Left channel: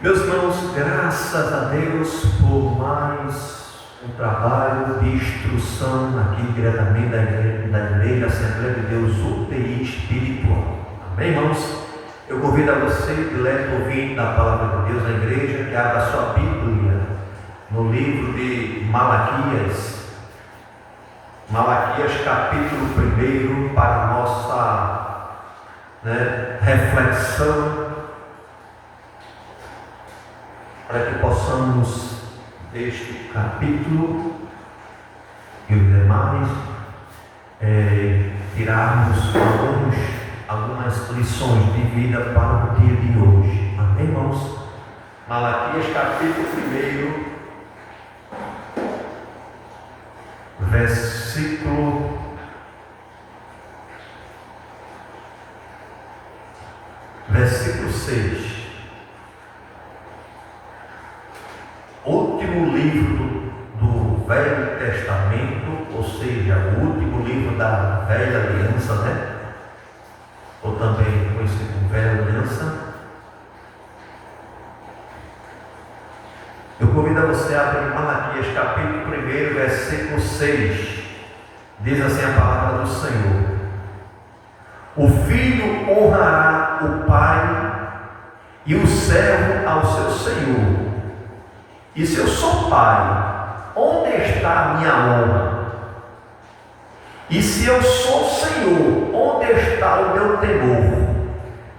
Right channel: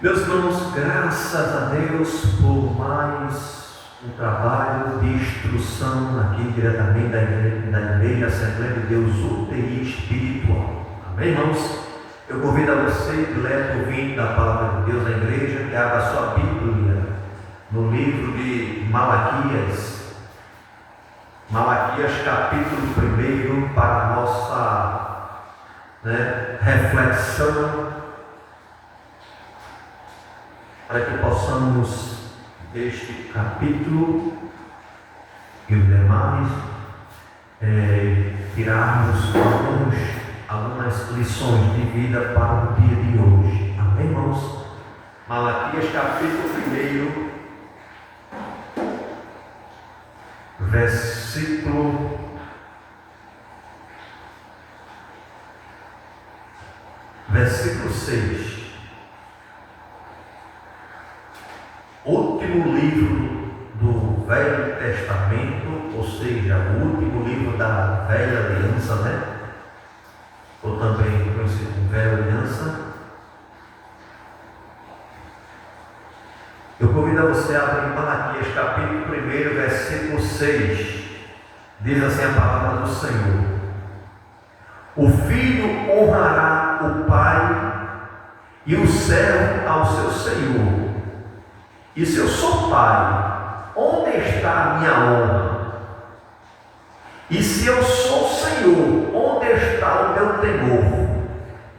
Meus irmãos, graças a Deus por mais um trabalho de instrução aqui diretamente da Igreja Assembleia de Deus UTI Espiritual. Amém, irmãos? Eu convido a você, dileto ouvinte da Palavra de Deus da Igreja, que abra a sua Bíblia no livro de Malaquias. Malaquias capítulo 1 para a nossa reflexão, para que possamos deste capítulo e os demais tirarmos algumas lições de vida para o dia de hoje. Amém, irmãos? Malaquias capítulo 1, versículo 6. Último livro do Velho Testamento, ou seja, o último livro da Velha Aliança, ou também conhecido como Velha Aliança. Eu convido a você a abrir Malaquias capítulo 1, versículo 6. Diz assim a palavra do Senhor: o filho honrará o pai e o servo ao seu senhor. E se eu sou pai, onde está a minha honra? E se eu sou Senhor, onde está o meu temor?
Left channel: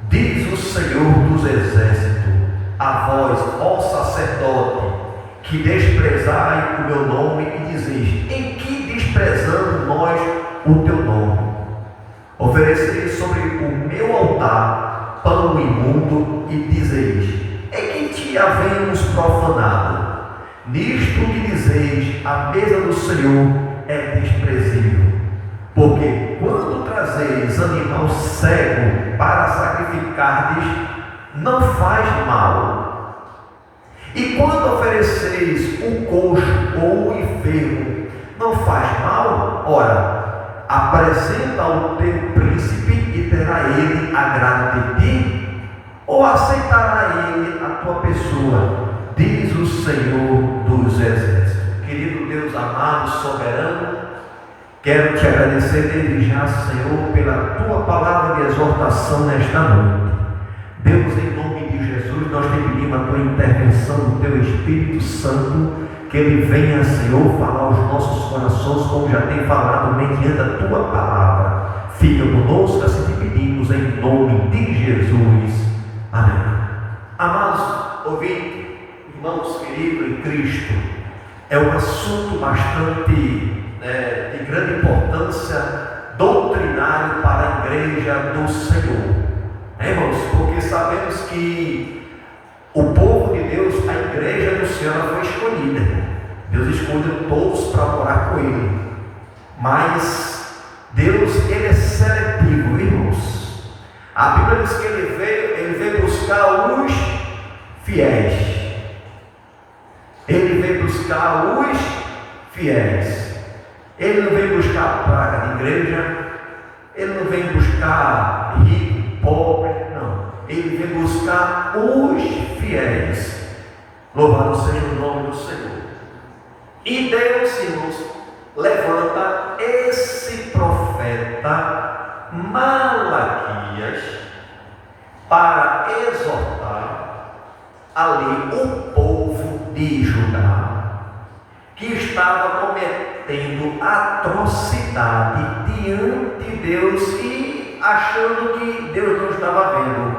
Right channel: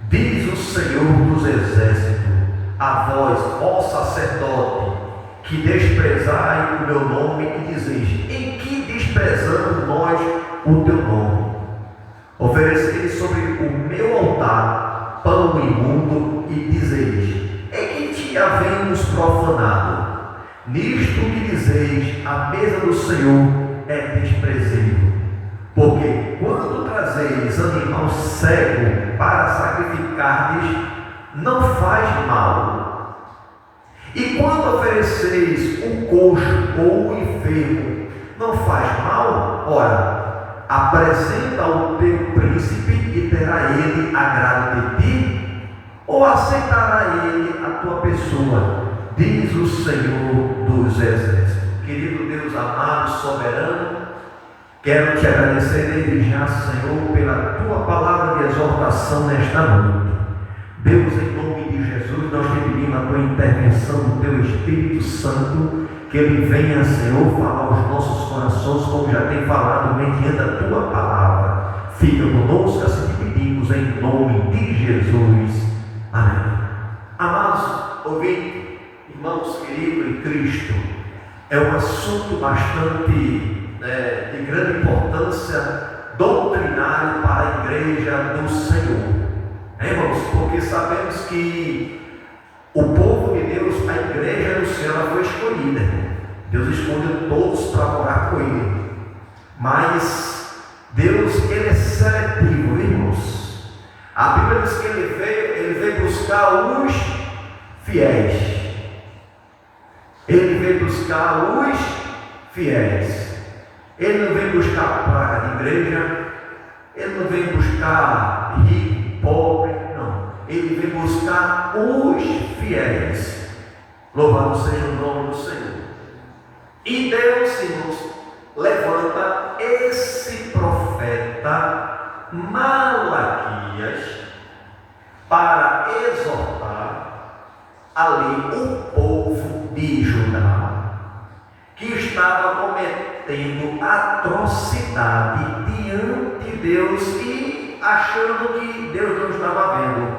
Diz o Senhor dos Exércitos: a vós, ó sacerdote, que desprezai o meu nome e dizeis: em que desprezamos nós o teu nome? Ofereceis sobre o meu altar pão imundo e dizeis: em que te havemos profanado? Nisto que dizeis: a mesa do Senhor é desprezível. Porque quando trazeis animal cego para sacrificardes, não faz mal. E quando ofereceis um coxo ou um enfermo, não faz mal? Ora, apresenta ao teu príncipe e terá ele agrado de ti? Ou aceitará ele a tua pessoa? Diz o Senhor dos Exércitos. Querido Deus amado, soberano, quero te agradecer desde já, Senhor, pela tua palavra de exortação nesta noite. Deus, em nome de Jesus, nós te pedimos a tua intervenção do teu Espírito Santo, que ele venha, Senhor, falar aos nossos corações, como já tem falado mediante a tua palavra. Fica conosco, assim te pedimos, em nome de Jesus. Amém. Amados ouvintes, irmãos queridos em Cristo, é um assunto bastante de grande importância doutrinário para a igreja do Senhor, irmãos, porque sabemos que o povo de Deus, a igreja do Senhor, ela foi escolhida. Deus escolheu todos para morar com Ele, mas Deus, Ele é seletivo, irmãos. A Bíblia diz que Ele veio buscar os fiéis. Ele veio buscar os fiéis. Ele não vem buscar praga de igreja. Ele não vem buscar rico, pobre, não. Ele vem buscar os fiéis. Louvado seja o nome do Senhor. E Deus, irmãos, levanta esse profeta Malaquias para exortar ali o povo de Judá, que estava cometendo atrocidade diante de Deus e achando que Deus não estava vendo.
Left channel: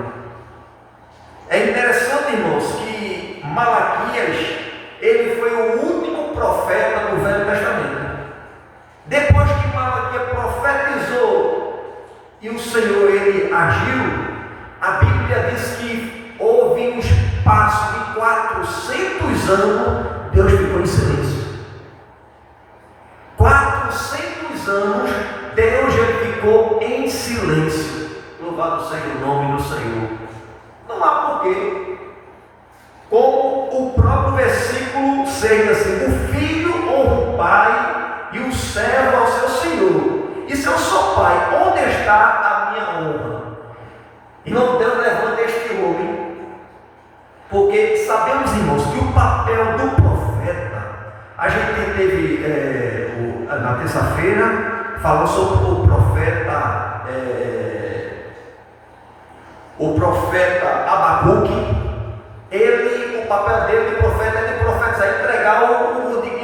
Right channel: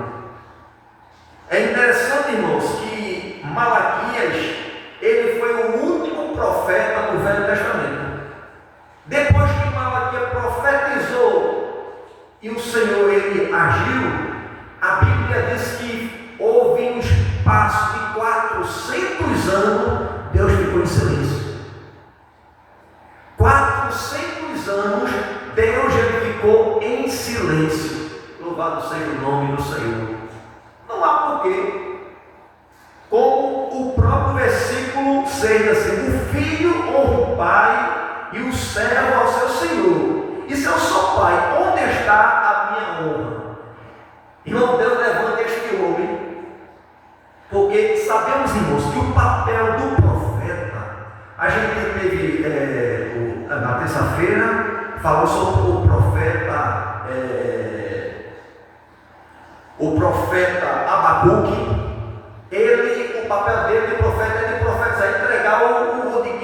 É interessante, irmãos, que Malaquias, ele foi o último profeta do Velho Testamento. Depois que Malaquias profetizou e o Senhor ele agiu, a Bíblia diz que houve um espaço de 400 anos, Deus ficou em silêncio. 400 anos, Deus ele ficou em silêncio. Louvado seja o nome do Senhor. Não há porquê. Como o próprio versículo 6, assim: o filho honra o pai e o servo ao seu senhor. E se eu sou pai, onde está a minha honra? Irmão, Deus levanta este homem, porque sabemos, irmãos, que o papel do profeta, a gente teve na terça-feira, falou sobre o profeta Abacuque. O papel dele de profeta é de profetizar, entregar em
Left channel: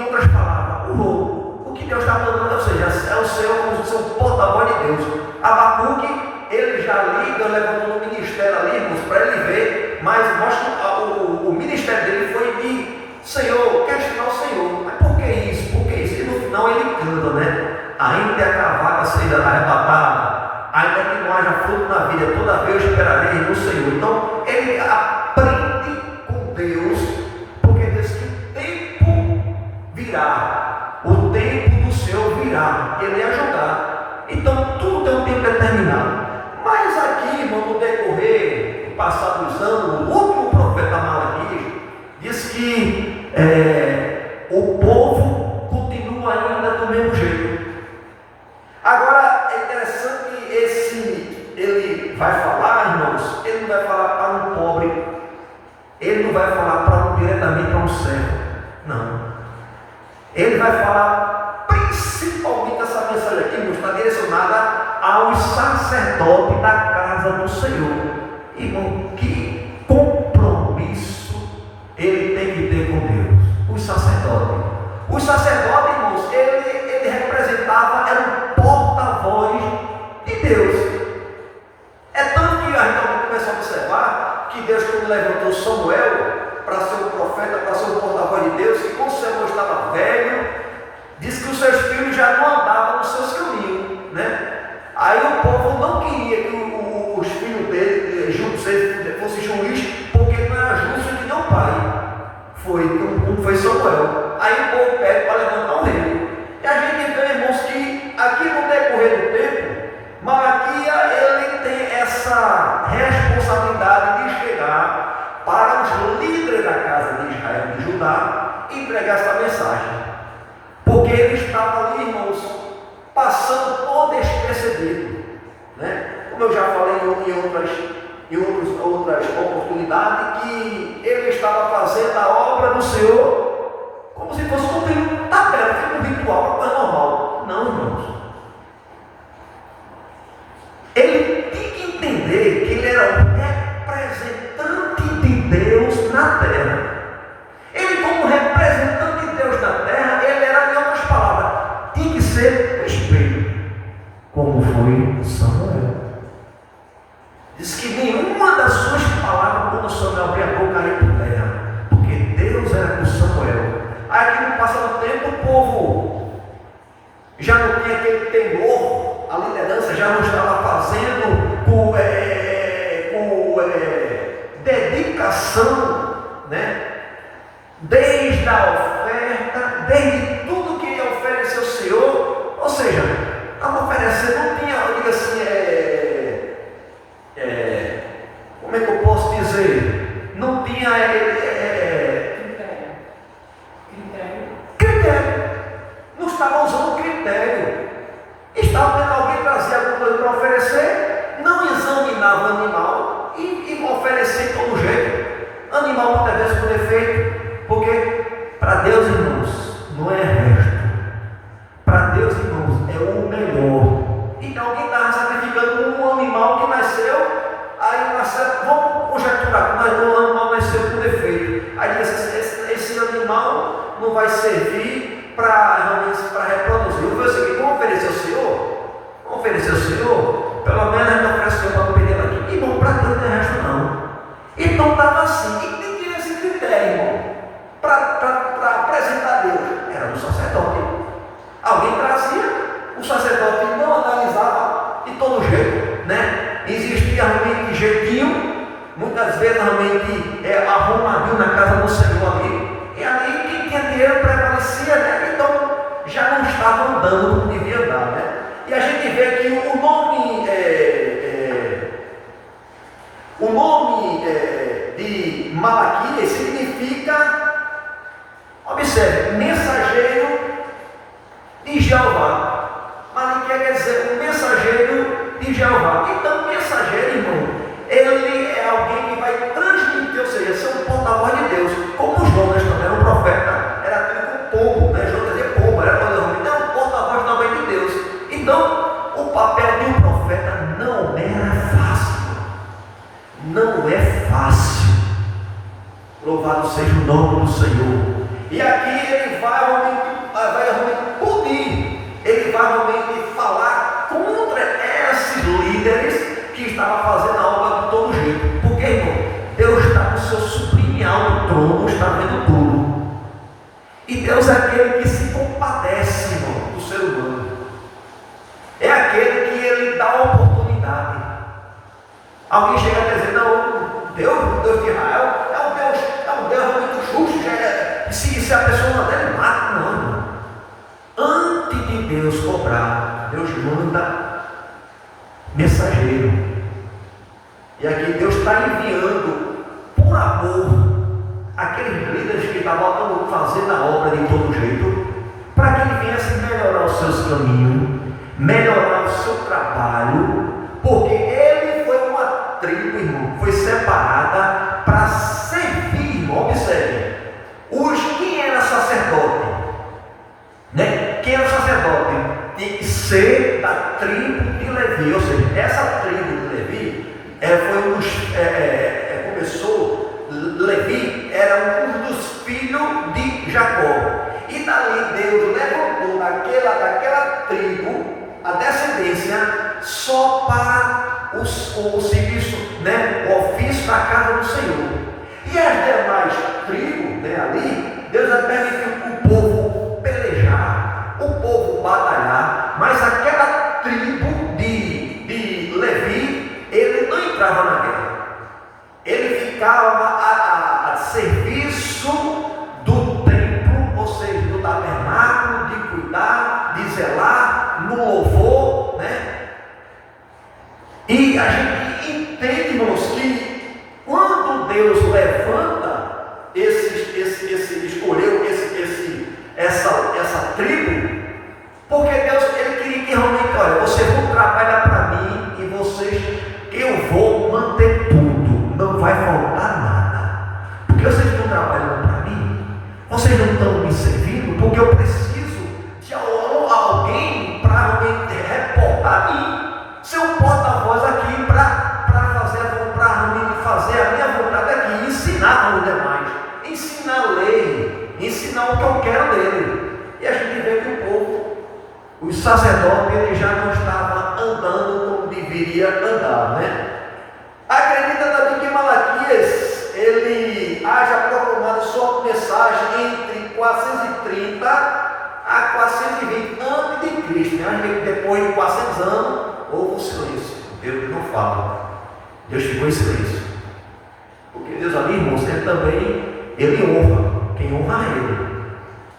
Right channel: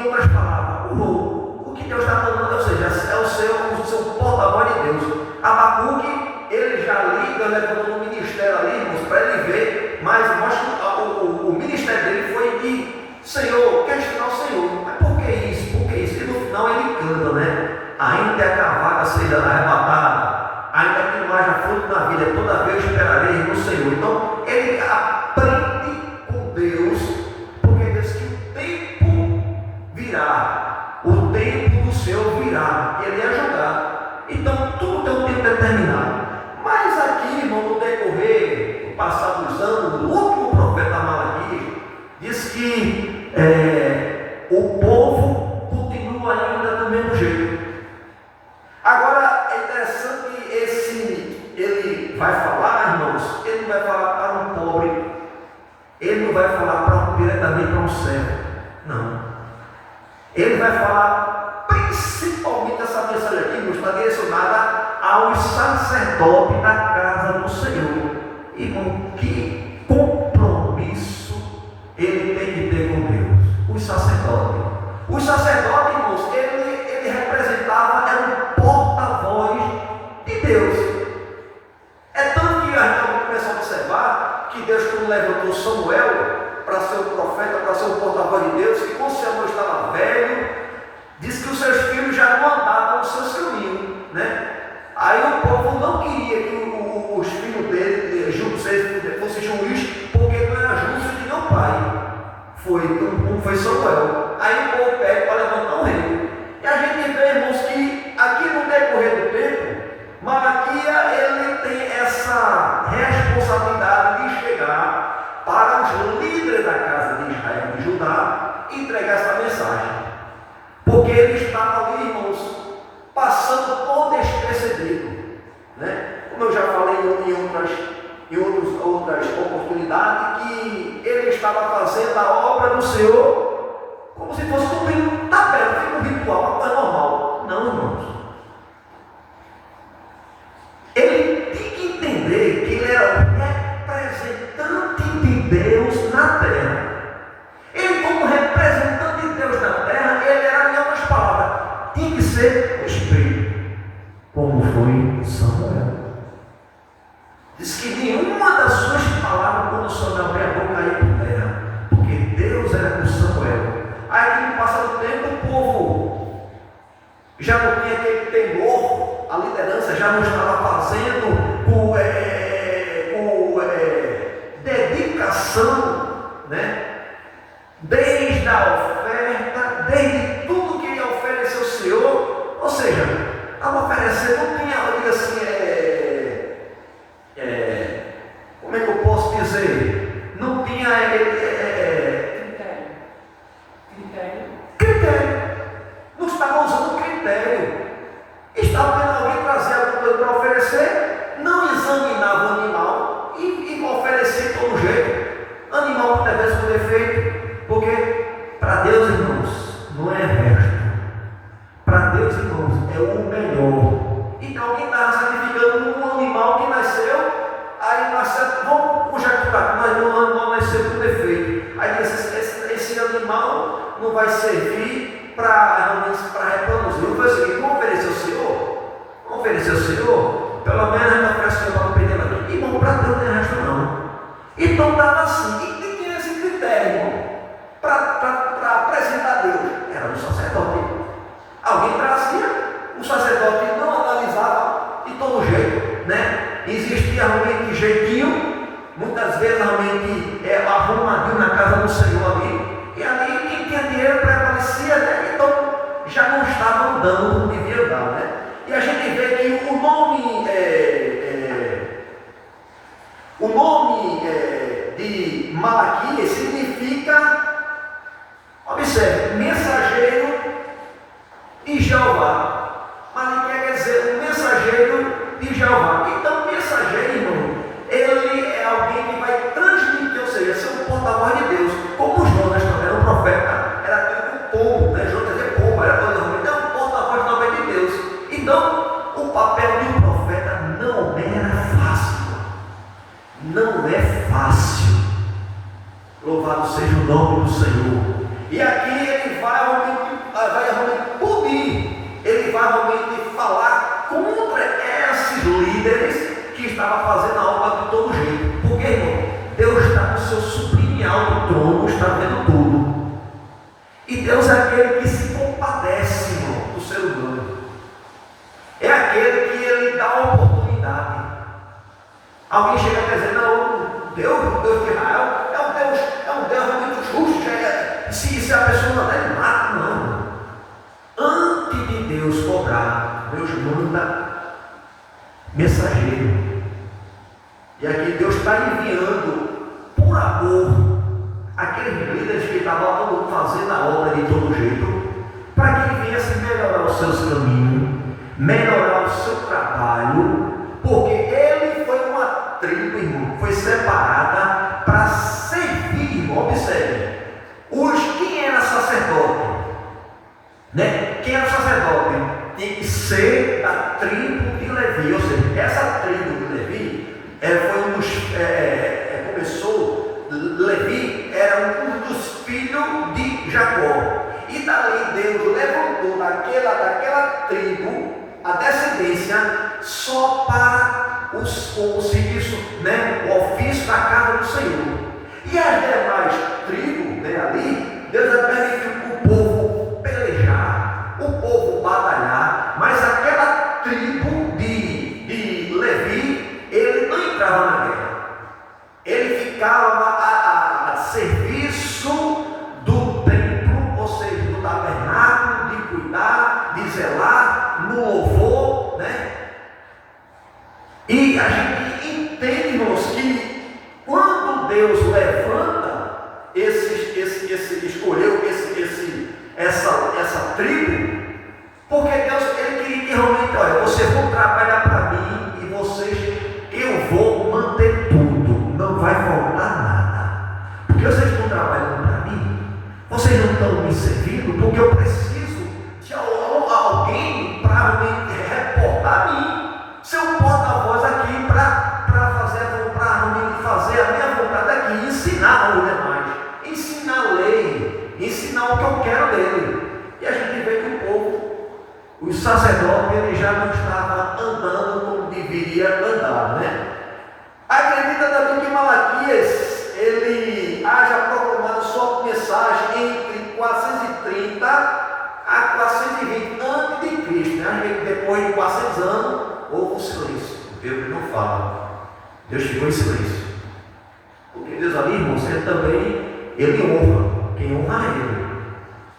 outras palavras, o que Deus está mandando, ou seja, é o seu porta-voz de Deus. Abacuque, ele já ali, Deus levantou no ministério ali, irmãos, para ele ver, mas mostra que o ministério dele foi de Senhor, questionar o Senhor. Mas por que isso? Por que isso? E no final ele canta, né? Ainda é a vaga seja arrebatada, ainda que não haja fruto na vida, toda vez eu esperarei no Senhor. Então, ele aprende com Deus, porque diz que o tempo virá, o tempo do Senhor virá, ele ia julgar. Então, tudo tem um tempo determinado. Mas aqui, irmão, no decorrer do passado dos anos, o último profeta Malaquias diz que o povo continua ainda do mesmo jeito. Agora, é interessante que ele vai falar, irmãos, ele não vai falar para um pobre, ele não vai falar diretamente para um servo, não. Ele vai falar principalmente essa mensagem aqui, irmãos, está direcionada aos sacerdotes da casa do Senhor. Irmão, que compromisso ele tem que ter com Deus? Os sacerdotes. Os sacerdotes, irmãos, ele representava, era um porta-voz de Deus. É tanto que a gente começa a observar que Deus, quando levantou Samuel para ser um profeta, para ser um porta-voz de Deus, que quando Samuel estava velho, disse que os seus filhos já não andavam nos seus caminhos, né? Aí o povo não queria que os filhos dele fossem juiz, porque não era justo de nenhum pai. Foi Samuel. Aí o povo pede para levantar um rei. E a gente vê, irmãos, que aqui no decorrer do tempo, Malaquias, ele tem essa responsabilidade de chegar para os líderes da casa de Israel, de Judá, e entregar essa mensagem. Porque ele estava ali, irmãos, passando por despercebido, né? Como eu já falei em outras oportunidades, que ele estava fazendo a obra do Senhor como se fosse um tabela, um ritual, uma coisa normal. Não, irmãos. Ele tinha que entender que ele era o representante de Deus na terra. Ele, como representante de Deus na terra, ele era, em outras palavras, tinha que ser um espelho, como foi Samuel. Diz que nenhuma das suas palavras, quando Samuel abriu a boca, caiu por terra, porque Deus era com Samuel. Aí, no passar do tempo, o povo já não tinha aquele temor, a liderança já não estava fazendo com dedicação, né? Desde a oferta, desde tudo que ofereceu o Senhor, ou seja, estava oferecendo, não tinha, eu digo assim, como é que eu posso dizer? Não tinha critério. Não estava usando critério. Estava vendo alguém trazer alguma coisa para oferecer, não examinava o animal e oferecer de todo jeito. Animal muitas vezes com defeito, porque para Deus, irmãos, não é resto. Para Deus, irmãos, é o melhor. Então alguém estava sacrificando um animal que nasceu, aí nasceu, vamos conjecturar, mas o animal nasceu com defeito. Aí esse animal não vai servir para reproduzir. Eu falei o seguinte, vamos oferecer ao Senhor? Vamos oferecer ao Senhor? Pelo menos a gente oferece para o pedir aqui. Irmão, para Deus não tem resto não. Então estava assim, e quem tinha esse critério, irmão, para apresentar a Deus? Era o sacerdote. Alguém trazia, o sacerdote não analisava de todo jeito, né? Existia realmente jeitinho, muitas vezes realmente arrumadinho na casa do Senhor ali, e ali quem tinha dinheiro prevalecia, né? Então já não estavam dando como devia dar, né? E a gente vê que o nome de Malaquias significa, observe, mensageiro de Jeová. Malaquias quer dizer um mensageiro de Jeová. Então, o mensageiro, irmão, ele é alguém que vai transmitir, ou seja, ser um porta-voz de Deus. não é fácil. Louvado seja o nome do Senhor. E aqui ele vai realmente punir, ele vai realmente falar contra esses líderes que estavam fazendo a obra de todo jeito. Porque, irmão, Deus está no seu sublimial do trono, está vendo tudo. E Deus é aquele que se compadece, irmão, do ser humano. É aquele que ele dá a oportunidade. Alguém chega a dizer, não, Deus de Israel é um Deus muito justo. Se a pessoa não der, ele mata. Não. Antes de Deus cobrar, Deus manda mensageiro. E aqui Deus está enviando, por amor, aqueles líderes que estavam fazendo a obra de todo jeito, para que ele viesse melhorar os seus caminhos, melhorar o seu trabalho, porque ele foi uma tribo, irmão, foi separada para servir, irmão. Observe, quem era sacerdote, né? Quem era sacerdote tinha que ser da tribo de Levi, ou seja, essa tribo de Levi foi um dos, começou, Levi era um dos filhos de Jacó, e dali Deus levantou daquela tribo a descendência só para o serviço, né, o ofício da casa do Senhor. E as demais tribos, né, ali, Deus permitiu o povo pelejar, o povo batalhar, mas aquela tribo de Levi, ele não entrava na guerra, ele ficava a serviço do templo, ou seja, do tabernáculo, de cuidar, de zelar, no louvor, né? E a gente entende, irmãos, que quando Deus levanta escolheu essa tribo, porque Deus, ele queria que realmente, olha, vocês vão trabalhar para mim e eu vou manter tudo, não vai faltar nada, porque vocês estão trabalhando para mim, vocês não estão me servindo, porque eu preciso de alguém para me reportar a mim, ser um porta-voz aqui para fazer a minha vontade aqui, ensinar os demais, ensinar a lei, ensinar o que eu quero dele. E a gente vê que o povo, os sacerdotes, ele já não estava andando como deveria andar, né? Acredita também que Malaquias, ele haja proclamado sua mensagem entre 430 a 420 antes de Cristo, né? Depois de 400 anos, houve um silêncio, Deus não fala, Deus ficou em silêncio, porque Deus ali, irmãos, ele honra quem honra ele.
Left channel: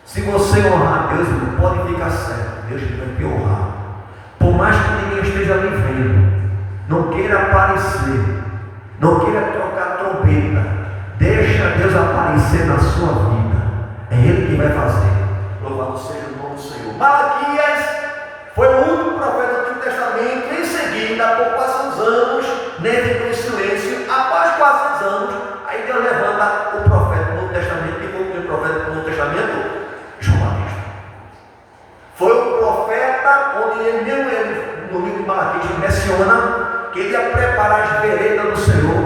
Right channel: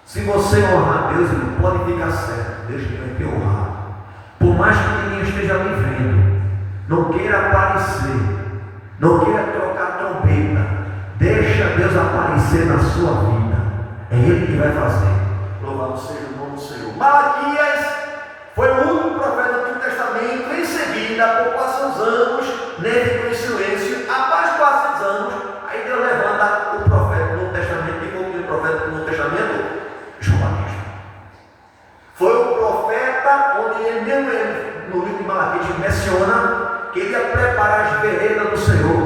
Se você honrar Deus, não pode ficar certo, Deus vai te honrar, por mais que ninguém esteja ali vendo, não queira aparecer, não queira trocar trombeta, deixa Deus aparecer na sua vida, é Ele que vai fazer. Louvado seja o nome do Senhor. Malaquias foi o único profeta do Antigo Testamento. Em seguida, por 400 anos, nele ficou em silêncio. Após 400 anos, aí Deus levanta o profeta do Novo Testamento. E foi o profeta do Novo Testamento? João Batista. Foi o profeta onde ele, no livro de Malaquias, menciona que ele ia preparar as veredas do Senhor.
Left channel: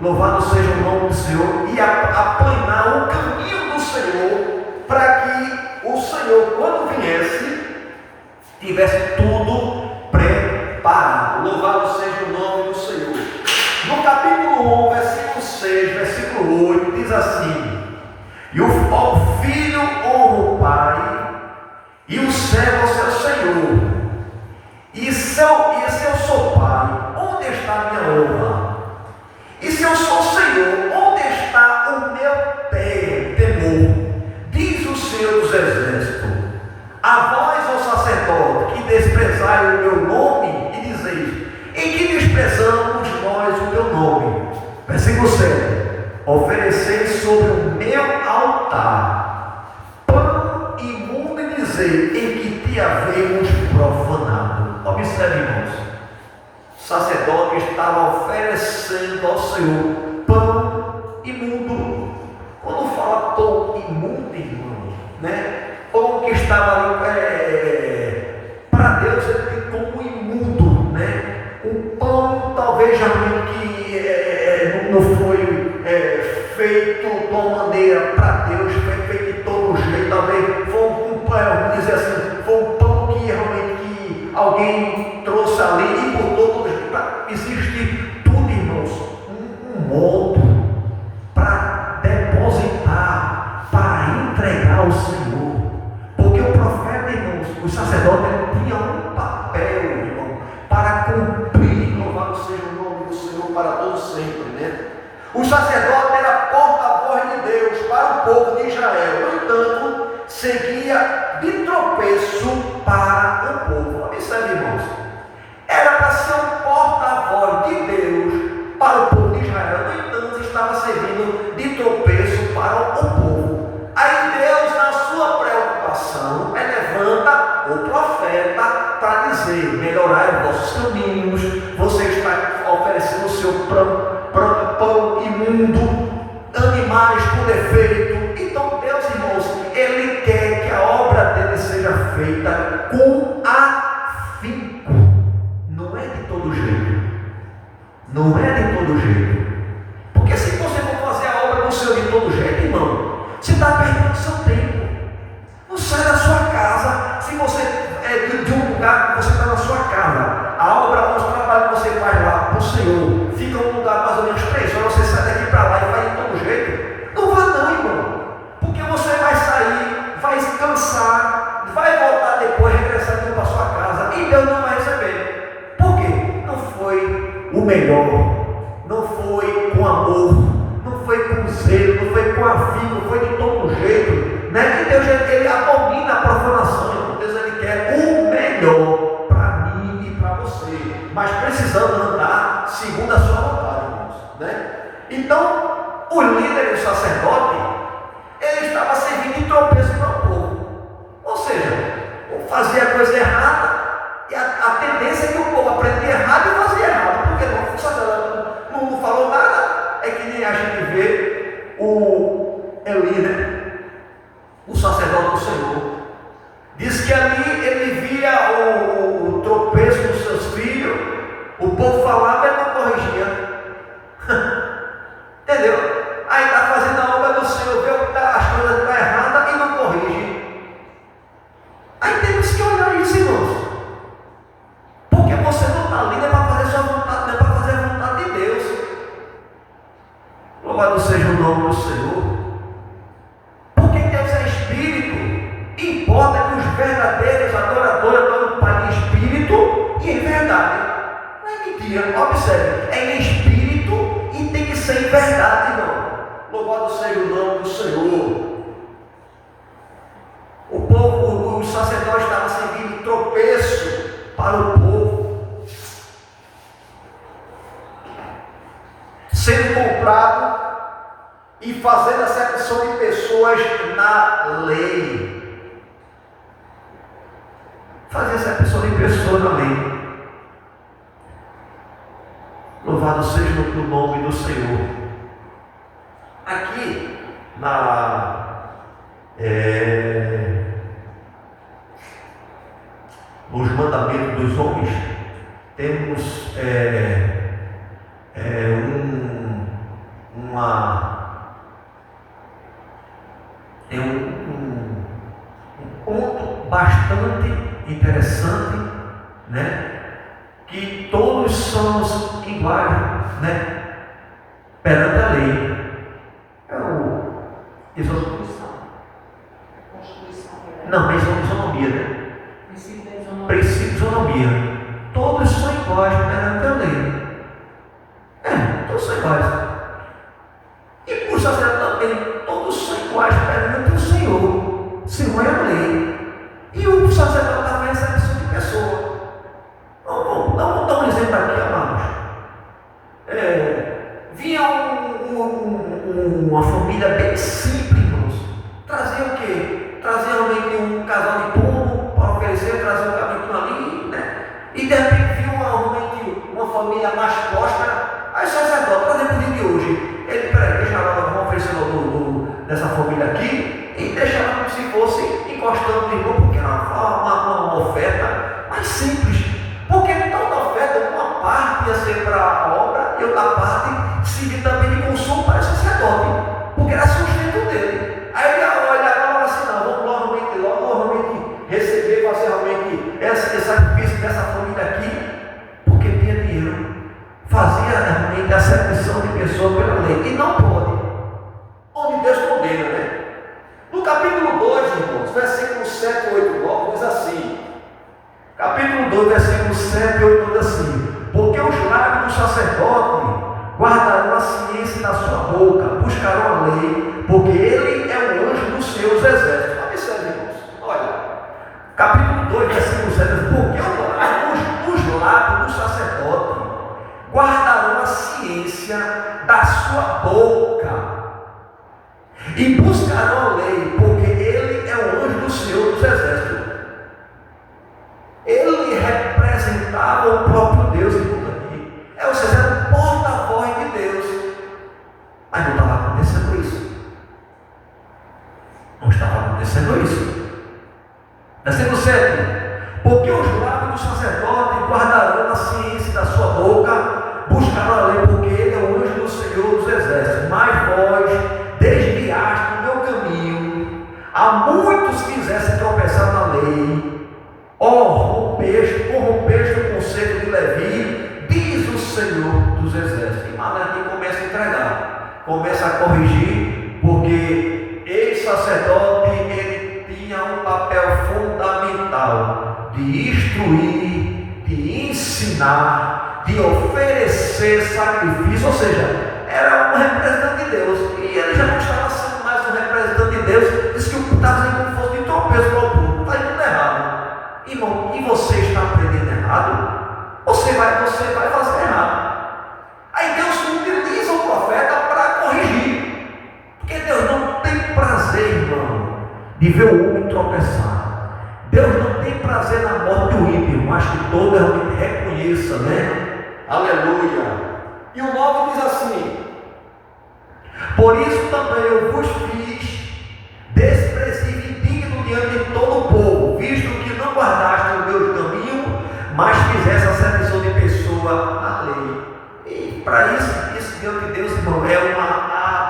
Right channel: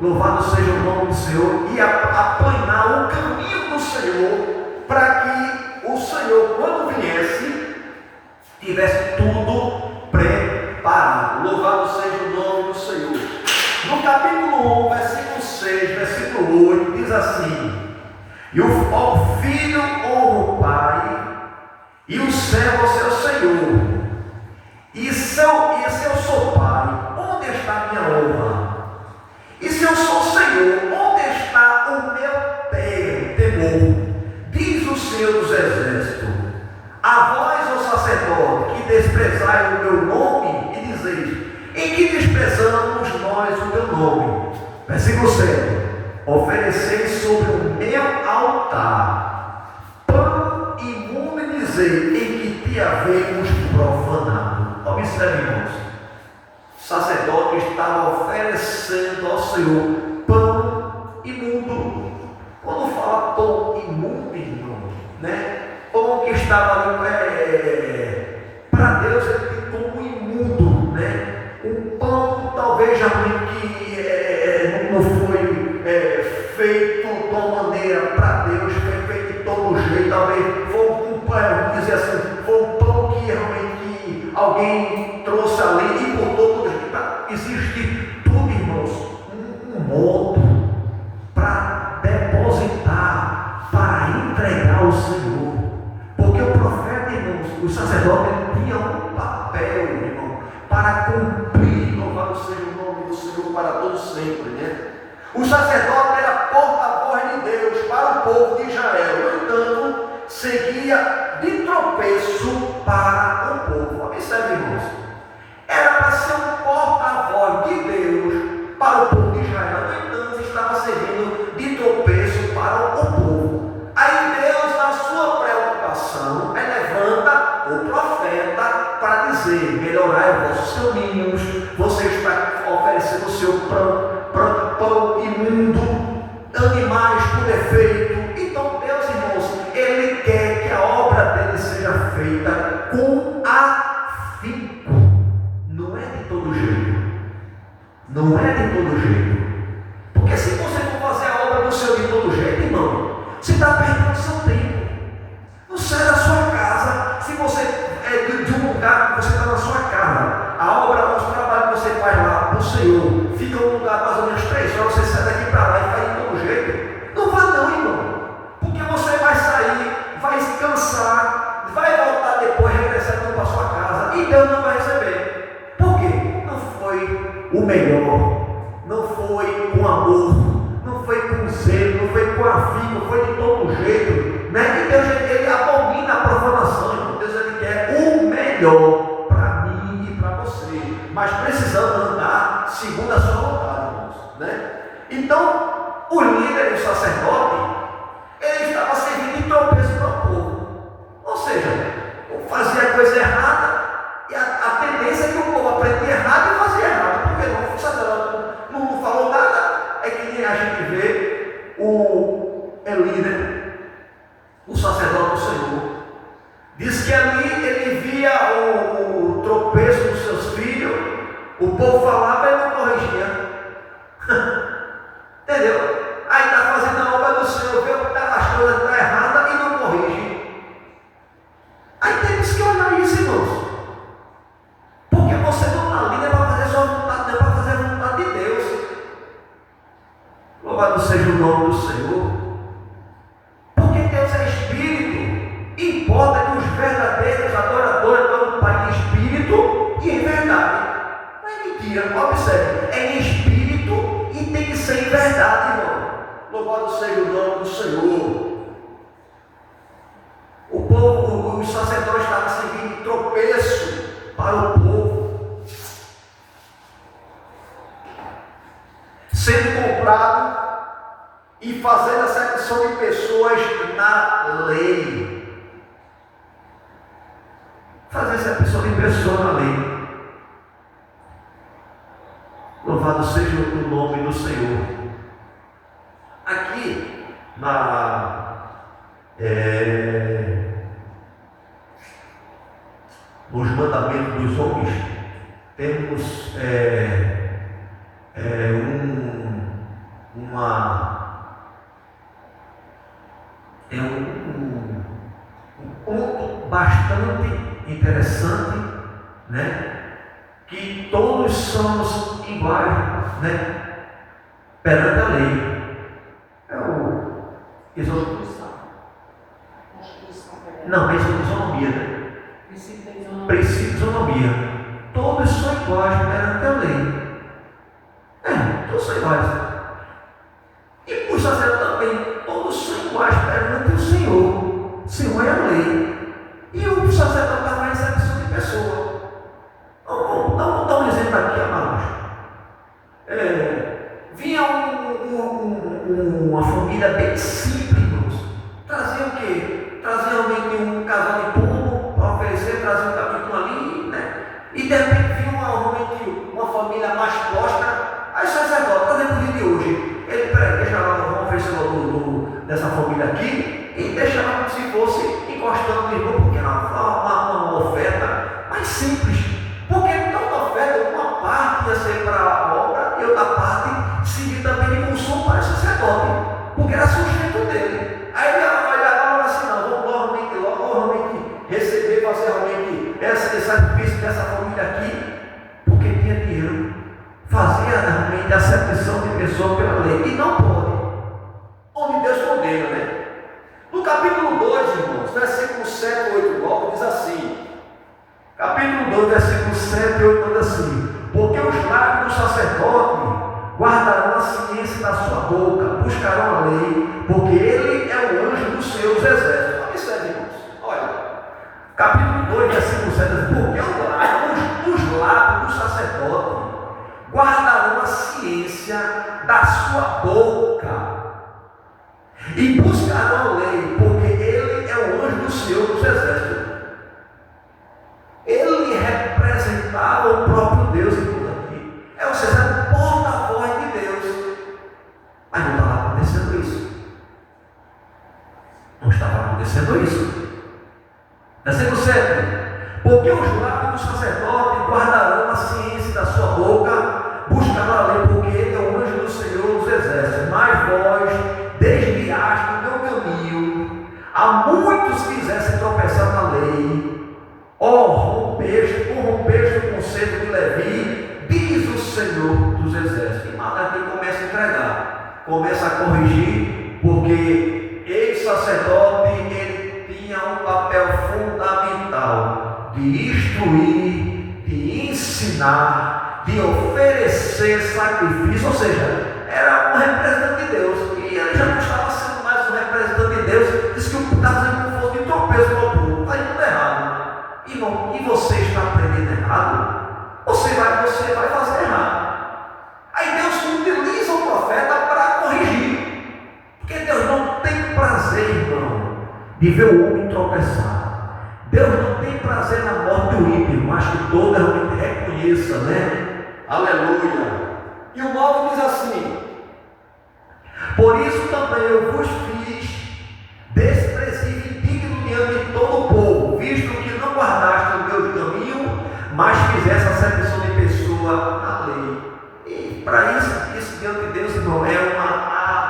Louvado seja o nome do Senhor. E aplanar o caminho do Senhor, para que o Senhor, quando viesse, tivesse tudo preparado. Louvado seja o nome do Senhor. No capítulo 1, versículo 6, versículo 8, diz assim: e o filho honra o pai, e o servo seu senhor. E se eu sou pai, onde está a minha honra? E se eu sou Senhor, onde está o meu temor? Diz o Senhor dos Exércitos: a vós, ó sacerdote, que desprezai o meu nome, e dizeis: em que desprezamos nós o teu nome? Versículo 7: ofereceis sobre o meu altar pão imundo, e dizei: em que te havemos profanado. Observe, irmãos, o sacerdote estava oferecendo ao Senhor pão imundo. Quando fala pão imundo, irmão, né? Pão que estava ali, para Deus, ele tem como imundo, né? Um pão talvez realmente que não foi feito de uma maneira para Deus, foi feito de todo jeito. Talvez foi um pão, vamos dizer assim, foi um pão que realmente alguém trouxe ali e botou todo jeito. Existe tudo, irmãos, um modo para depositar, para entregar ao Senhor. Porque o profeta, irmãos, o sacerdote, ele tinha um papel, irmão, para cumprir. Louvado seja o nome do Senhor para todos sempre, né? O sacerdote era porta-voz de Deus para o povo de Israel. No entanto, seguia de tropeço para o povo. Observe, irmãos, era para ser um porta-voz de Deus para o povo de Israel. No entanto, estava servindo de tropeço para o povo. Aí Deus, na sua preocupação, levanta o profeta para dizer: melhorai os vossos caminhos, você está oferecendo o seu pão imundo, animais por defeito. Então Deus, irmãos, Ele quer que a obra dele seja feita com afinco. Não é de todo jeito. Não é de todo jeito. Porque se você for fazer a obra do Senhor de todo jeito, irmão, você está perdendo seu tempo. Não sai da sua casa. Se você de um lugar que você está na sua casa, a obra, o trabalho que você faz lá para o Senhor, fica um lugar mais ou menos 3 horas, você sai daqui para lá e faz de todo jeito. Não vá não, irmão. Porque você vai sair, vai se cansar, vai voltar depois, regressar para sua casa, e Deus não vai receber. Por quê? Não foi o melhor, não foi com amor, não foi com zelo, não foi com afinco, não foi de todo jeito, né? E Deus, ele abomina a profanação, irmão. Deus, ele quer o melhor para mim e para você, mas precisamos andar segundo a sua vontade, irmãos, né? Então, o líder e o sacerdote, ele estava servindo de tropeço para o povo. Ou seja, fazia a coisa errada, e a tendência é que o povo aprendia errado e fazia errado, porque não, o sacerdote não falou nada. É que nem a gente vê o Eli, né? O sacerdote do Senhor. Diz que ali ele via o tropeço dos seus filhos, o povo falava e ele não corrigia. Entendeu? Aí está fazendo a obra do Senhor, vê que as coisas estão erradas e não corrige. Aí temos que olhar isso, irmãos. Porque você não está ali, não é para fazer sua vontade, não é para fazer a vontade de Deus. Louvado seja o nome do Senhor. Porque Deus é Espírito. Importa que os verdadeiros adoradores adorem o Pai em Espírito e em verdade. Não é mentira, observe. É em Espírito e tem que ser em verdade, irmão. Louvado seja o nome do Senhor. O povo, os sacerdotes estavam servindo de tropeço para o povo, sendo comprado e fazendo acepção de pessoas na lei. Fazer acepção de pessoas na lei. Louvado seja o nome do Senhor. Aqui nos mandamentos dos homens temos um ponto bastante interessante, né? Que todos somos iguais, né? Perante a lei. É o não, mas isonomia, né? Princípio de isonomia. Todos são iguais perante a lei. Todos são iguais. E os sacerdotes também, todos são iguais perante o Senhor. O Senhor é a lei. E o sacerdote também é excepção de pessoa. Vamos dar um exemplo aqui, amados. Vinha uma família bem simples, irmãos. Trazia o quê? Trazia realmente um casal de pombo para oferecer, trazia um capítulo ali, né? E de repente viu realmente uma família mais próspera. Aí o sacerdote, por exemplo, o dia de hoje, ele, peraí, deixa lá, vamos oferecer dessa família aqui, e deixa lá como se fosse encostando no irmão, porque era uma oferta mais simples. Porque toda oferta, uma parte ia ser para a obra e outra parte servir também lei, e não pode. Onde Deus condena, né? No capítulo 2, irmãos, versículo 7 e 8, 9, diz assim. Capítulo 2, versículo 7 e 8 diz assim: porque os lábios do sacerdote guardarão a ciência da sua boca, buscarão a lei, porque ele é o anjo dos seus exércitos. Observe, irmãos, olha, capítulo 2, versículo 7 diz: porque os lábios do sacerdote guardarão a ciência da sua boca e buscarão a lei, porque ele é o anjo do Senhor dos exércitos. Ele representava o próprio Deus aqui. Ou seja, era o porta-voz de Deus. Mas não estava acontecendo isso. Não estava acontecendo isso. Versículo 7: porque os lábios do sacerdote guardarão a ciência da sua boca, buscarão a lei, porque ele é o anjo do Senhor dos exércitos. Mas vós desviaste do meu caminho, a muitos quisessem tropeçar na lei. Corrompeste o conceito de Levi, diz o Senhor dos exércitos. E Malaque começa a entregar, começa a corrigir, porque esse sacerdote, ele tinha um papel fundamental de instruir, de ensinar, de oferecer sacrifício, ou seja, era um representante de Deus, e ele já não estava sendo mais um representante de Deus. Diz que o estava sendo como fosse de tropeço para o povo, está indo errado. Irmão, e você está aprendendo errado? Você vai fazer errado. Aí Deus utiliza o profeta para corrigir, porque Deus não tem prazer, irmão, de ver o homem tropeçar. Deus não tem prazer na morte do ímpio, mas que todo realmente reconheça, né? Aleluia. E o 9 diz assim: por isso também eu vos fiz desprezível e indigno diante de todo o povo, visto que não guardaste o meu caminho, mas fizeste acepção de pessoa à lei. E para isso diante de Deus, irmão, é uma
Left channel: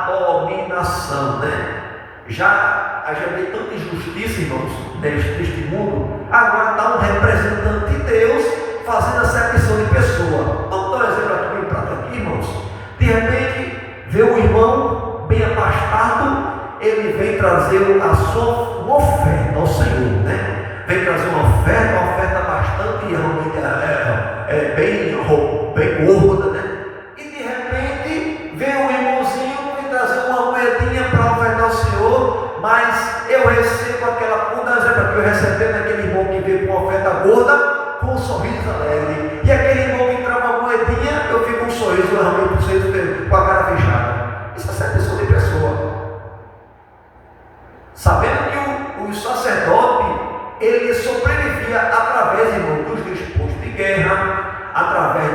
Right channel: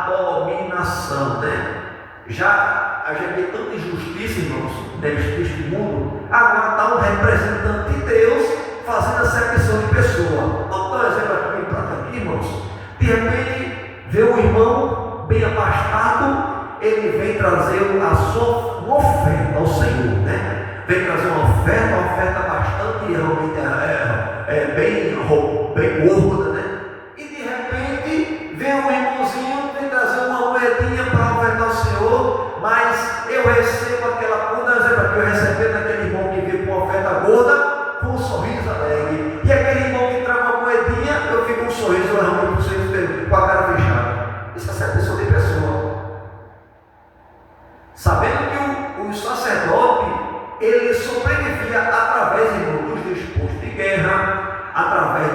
abominação, né? Já vê tanta injustiça, irmãos, neste mundo. Agora está um representante de Deus fazendo acepção de pessoa. Vamos dar um exemplo aqui, bem prato aqui, irmãos. De repente, vê um irmão bem abastado, ele vem trazer a sua oferta ao Senhor, né? Vem trazer uma oferta bastante bem gorda, né? E de repente vem um irmãozinho, vem trazer uma moedinha para ofertar ao Senhor, mas eu recebo aquela, um exemplo aqui, eu recebi daquele irmão que veio com uma oferta gorda, com um sorriso alegre, e aquele irmão que traz uma moedinha, eu fico com um sorriso, eu realmente com a cara fechada. Isso é acepção de pessoa. Sabendo que o sacerdote, ele sobrevivia através, irmão, dos dispostos de guerra, através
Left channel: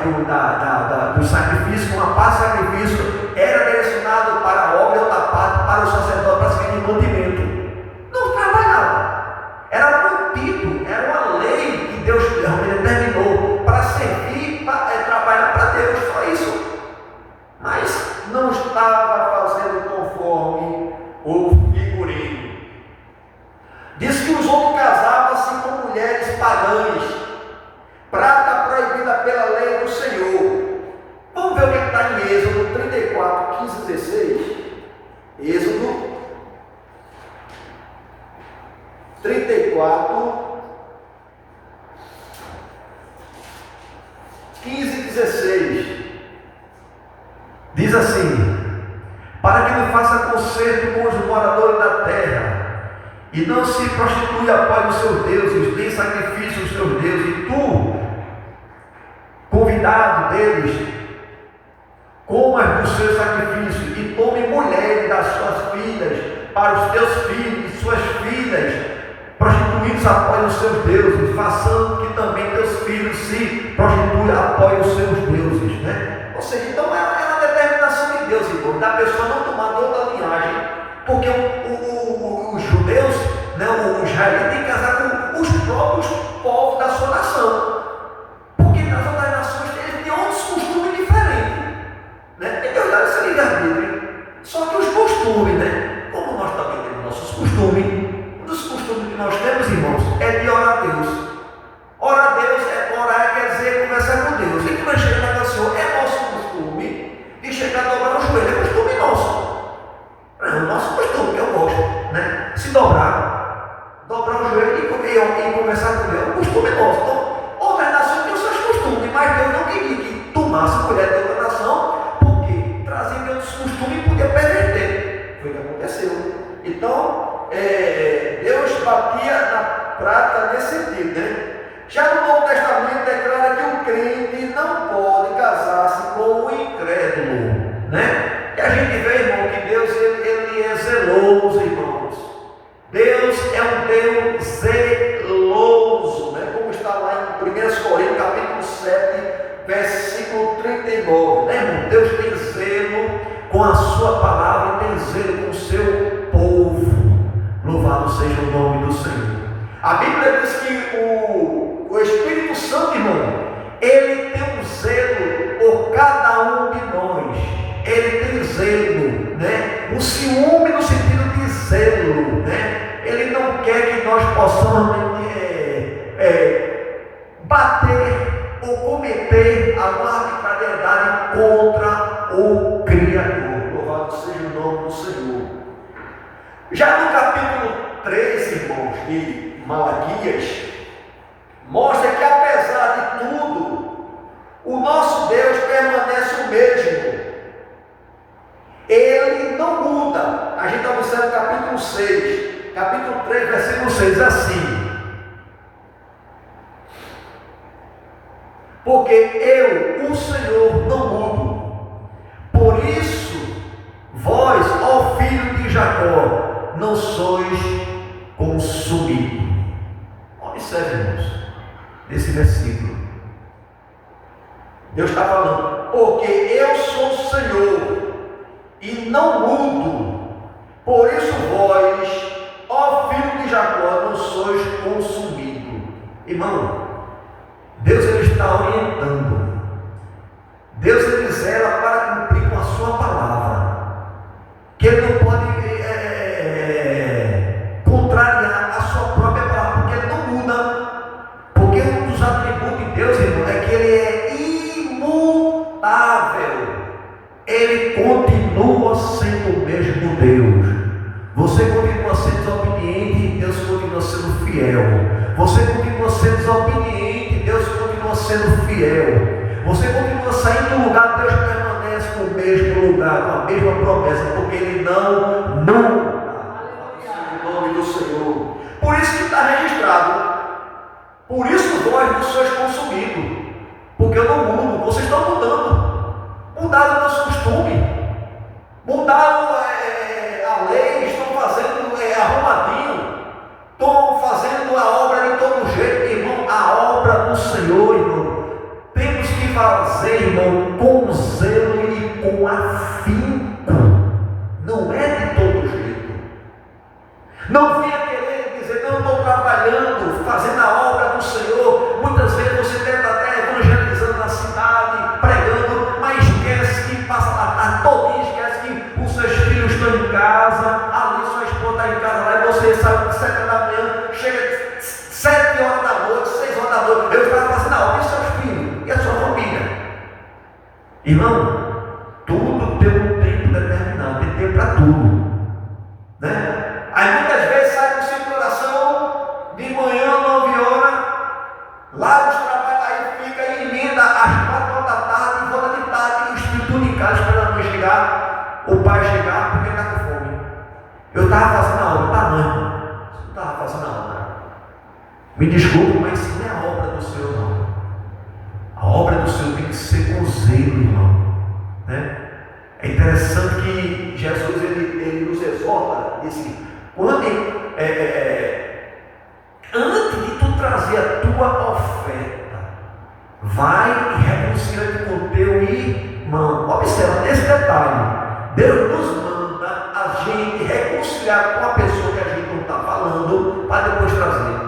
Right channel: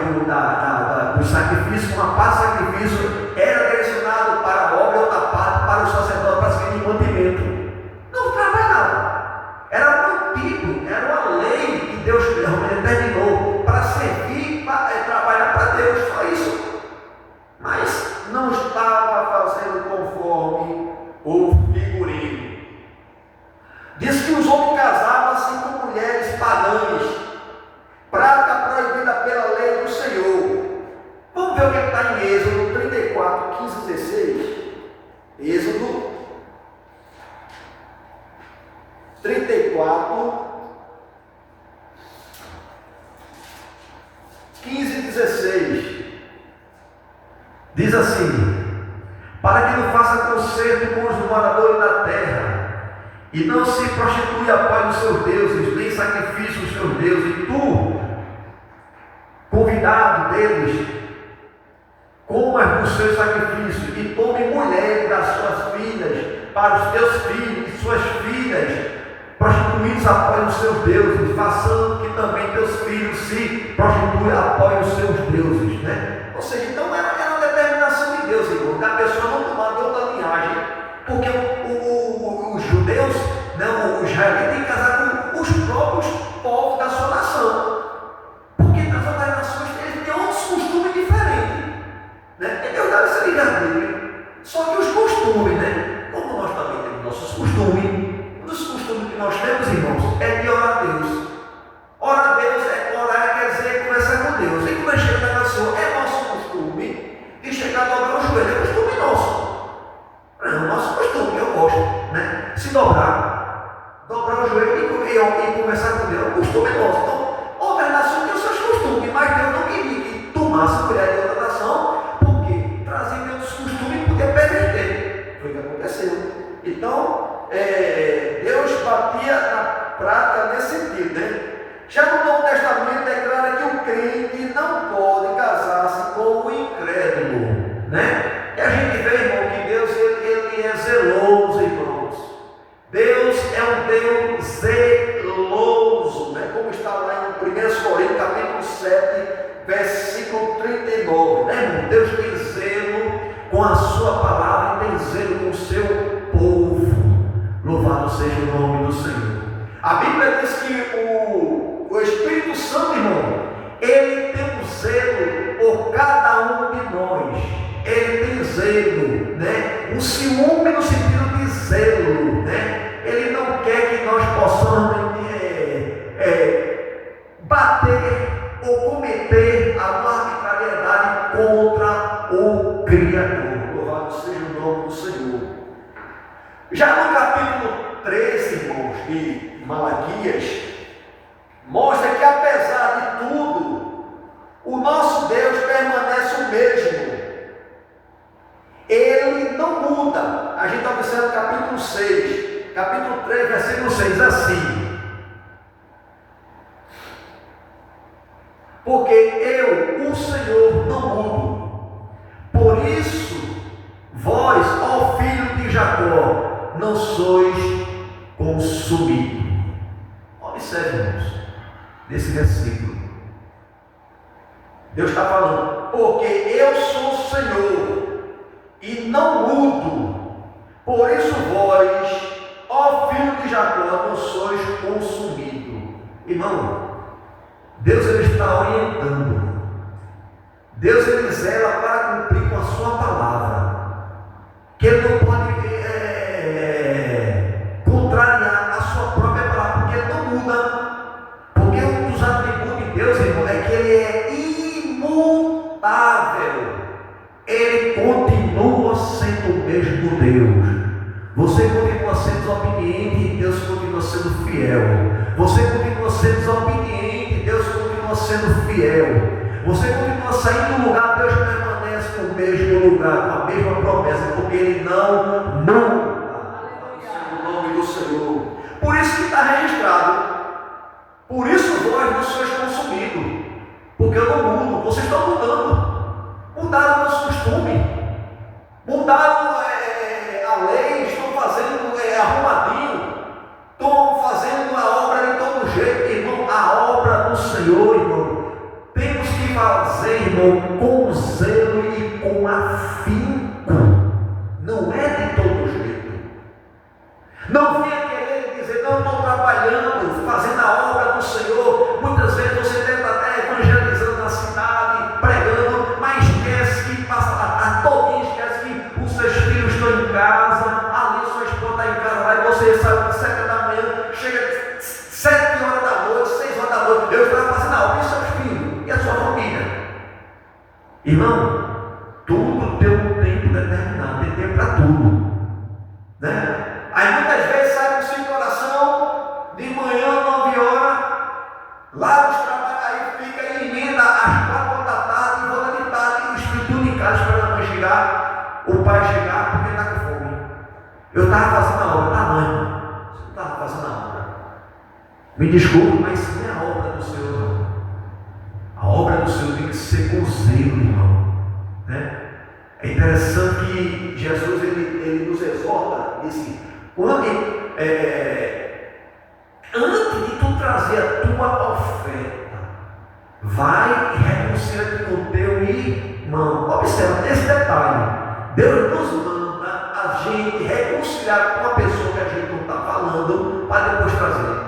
do sacrifício. Uma parte do sacrifício era direcionado para a obra e outra parte para o sacerdote, para servir de mantimento. Não trabalhava, era mantido, era uma lei que Deus determinou para servir, para trabalhar para Deus, só isso. Mas não estava fazendo conforme o figurino. Diz que os homens casavam-se com mulheres pagãs, prática proibida pela lei do Senhor. Vamos ver o que está em Êxodo 34, 15 e 16. Êxodo 34, 15 e 16. Diz assim: para que não faça concerto com os moradores da terra, e não se prostitui após os seus deuses, nem sacrifício os seus deuses, e tu, convidado deles, comas dos seus sacrifícios, e tome mulheres das suas filhas, para os teus filhos e suas filhas, prostituídos após os seus deuses, façando que também teus filhos se prostituam após os seus deuses, né? Ou seja, então era a determinação de Deus, irmão, da pessoa não tomar de outra linhagem, porque os judeus, né, o israelita, tem que casar com os próprios povos da sua nação, porque nas outras nações eles têm outros costumes diferentes, né? É verdade esse livre-arbítrio, só que os costumes, né, como nós também temos nossos costumes, um dos costumes que nós temos, irmãos, é de orar a Deus. Orar a Deus quer dizer conversar com Deus. E quando chega na Senhor, é nosso costume de chegar a dobrar o joelho. É costume foi o que aconteceu. Então, Deus batia na prata nesse sentido, né? Já no Novo Testamento declara que o crente não pode casar-se com o incrédulo, né? E a gente vê, irmão, que Deus ele é zeloso, irmãos. Deus é um Deus zeloso, né? Como está lá em 1 Coríntios, capítulo 7, versículo 39, né, irmão? Deus tem zelo com a sua palavra e tem zelo com o seu povo. Louvado seja o nome do Senhor. A Bíblia diz que o Espírito Santo, irmão, ele tem um zelo por cada um de nós. Ele tem zelo, né? Um ciúme no sentido de zelo, né? Ele não quer que nós possamos bater ou cometer alguma arbitrariedade contra o Criador. Louvado seja o nome do Senhor. Já no capítulo 13, irmãos, de Malaquias, mostra que apesar de tudo, o nosso Deus permanece o mesmo. Ele não muda. A gente observa o capítulo 6, capítulo 3, versículo 6, assim: porque eu, o Senhor, não mudo. Por isso, vós, ó filho de Jacó, não sois consumidos. Observe, irmãos, nesse versículo. Deus está falando: porque eu sou o Senhor e não mudo. Por isso, vós, ó filho de Jacó, não sois consumidos. Irmão, Deus ele está orientando. Deus ele zela para cumprir com a sua palavra. Que ele não pode contrariar a sua própria palavra, porque ele não muda. Porque um dos atributos de Deus, irmão, é que ele é imutável. Ele continua sendo o mesmo Deus. Você continua sendo desobediente e Deus continua sendo fiel. Você continua sendo desobediente e Deus continua sendo fiel. Você continua saindo do lugar, Deus permanece no mesmo lugar, com a mesma promessa, porque Ele não muda. O nome do Senhor. Por isso que está registrado. Por isso vós não sois consumidos. Porque eu não mudo. Vocês estão mudando. Mudaram o nosso costume. Mudaram a lei. Estão fazendo arrumadinho. Estão fazendo a obra de todo jeito, irmão. A obra do Senhor, irmão, temos que fazer, irmão, com zelo e com afinco. Não é de todo jeito. Não venha querer dizer: não, estou trabalhando, fazendo a obra do Senhor. Muitas vezes você deve estar até evangelizando na cidade, pregando, mas esquece que passa a tarde todinha, esquece que os seus filhos estão em casa, ali sua esposa está em casa, lá e você sai às 7 da manhã, chega 7 horas da noite, 6 horas da noite, Deus está fazendo a obra e seus filhos e a sua família. Irmão, tudo tem um tempo determinado, tem tempo para tudo, né? Aí muitas vezes sai com o seu coração de manhã, 9 horas, lá nos trabalhos, aí fica e emenda às 4 horas da tarde, e volta de tarde, e os filhos tudo em casa esperando a mãe chegar, o pai chegar, porque está com fome. Eu estava fazendo a obra, tá, mãe? Você não estava fazendo a obra. Me desculpe, mas isso não é a obra do Senhor, não. A obra do Senhor tem que ser com zelo, irmão, né? É interessante que Jesus ele nos exorta, diz assim: quando, antes de tu trazer a tua oferta, vai e reconcilia-te com o teu irmão. Observa esse detalhe. Deus nos manda a gente reconciliar com a pessoa que a gente não está falando, para depois trazer.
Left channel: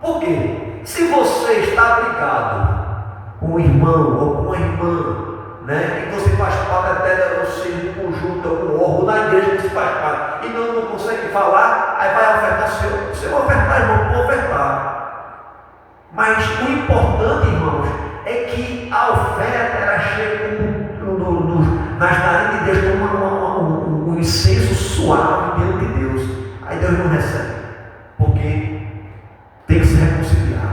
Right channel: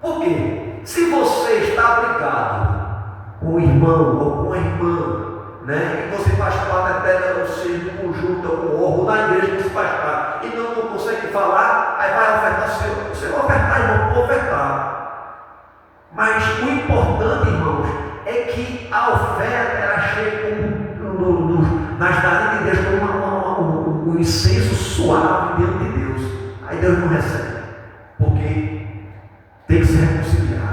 Por quê? Se você está brigado com o irmão ou com a irmã, né, e você faz parte até do seu conjunto, ou órgão da igreja que se faz parte, e não consegue falar, aí vai ofertar o seu. Você vai ofertar, irmão, vou ofertar. Mas o importante, irmãos, é que a oferta ela chega nas narinas de Deus como um incenso suave diante de Deus. Aí Deus não recebe, porque tem que se reconciliar.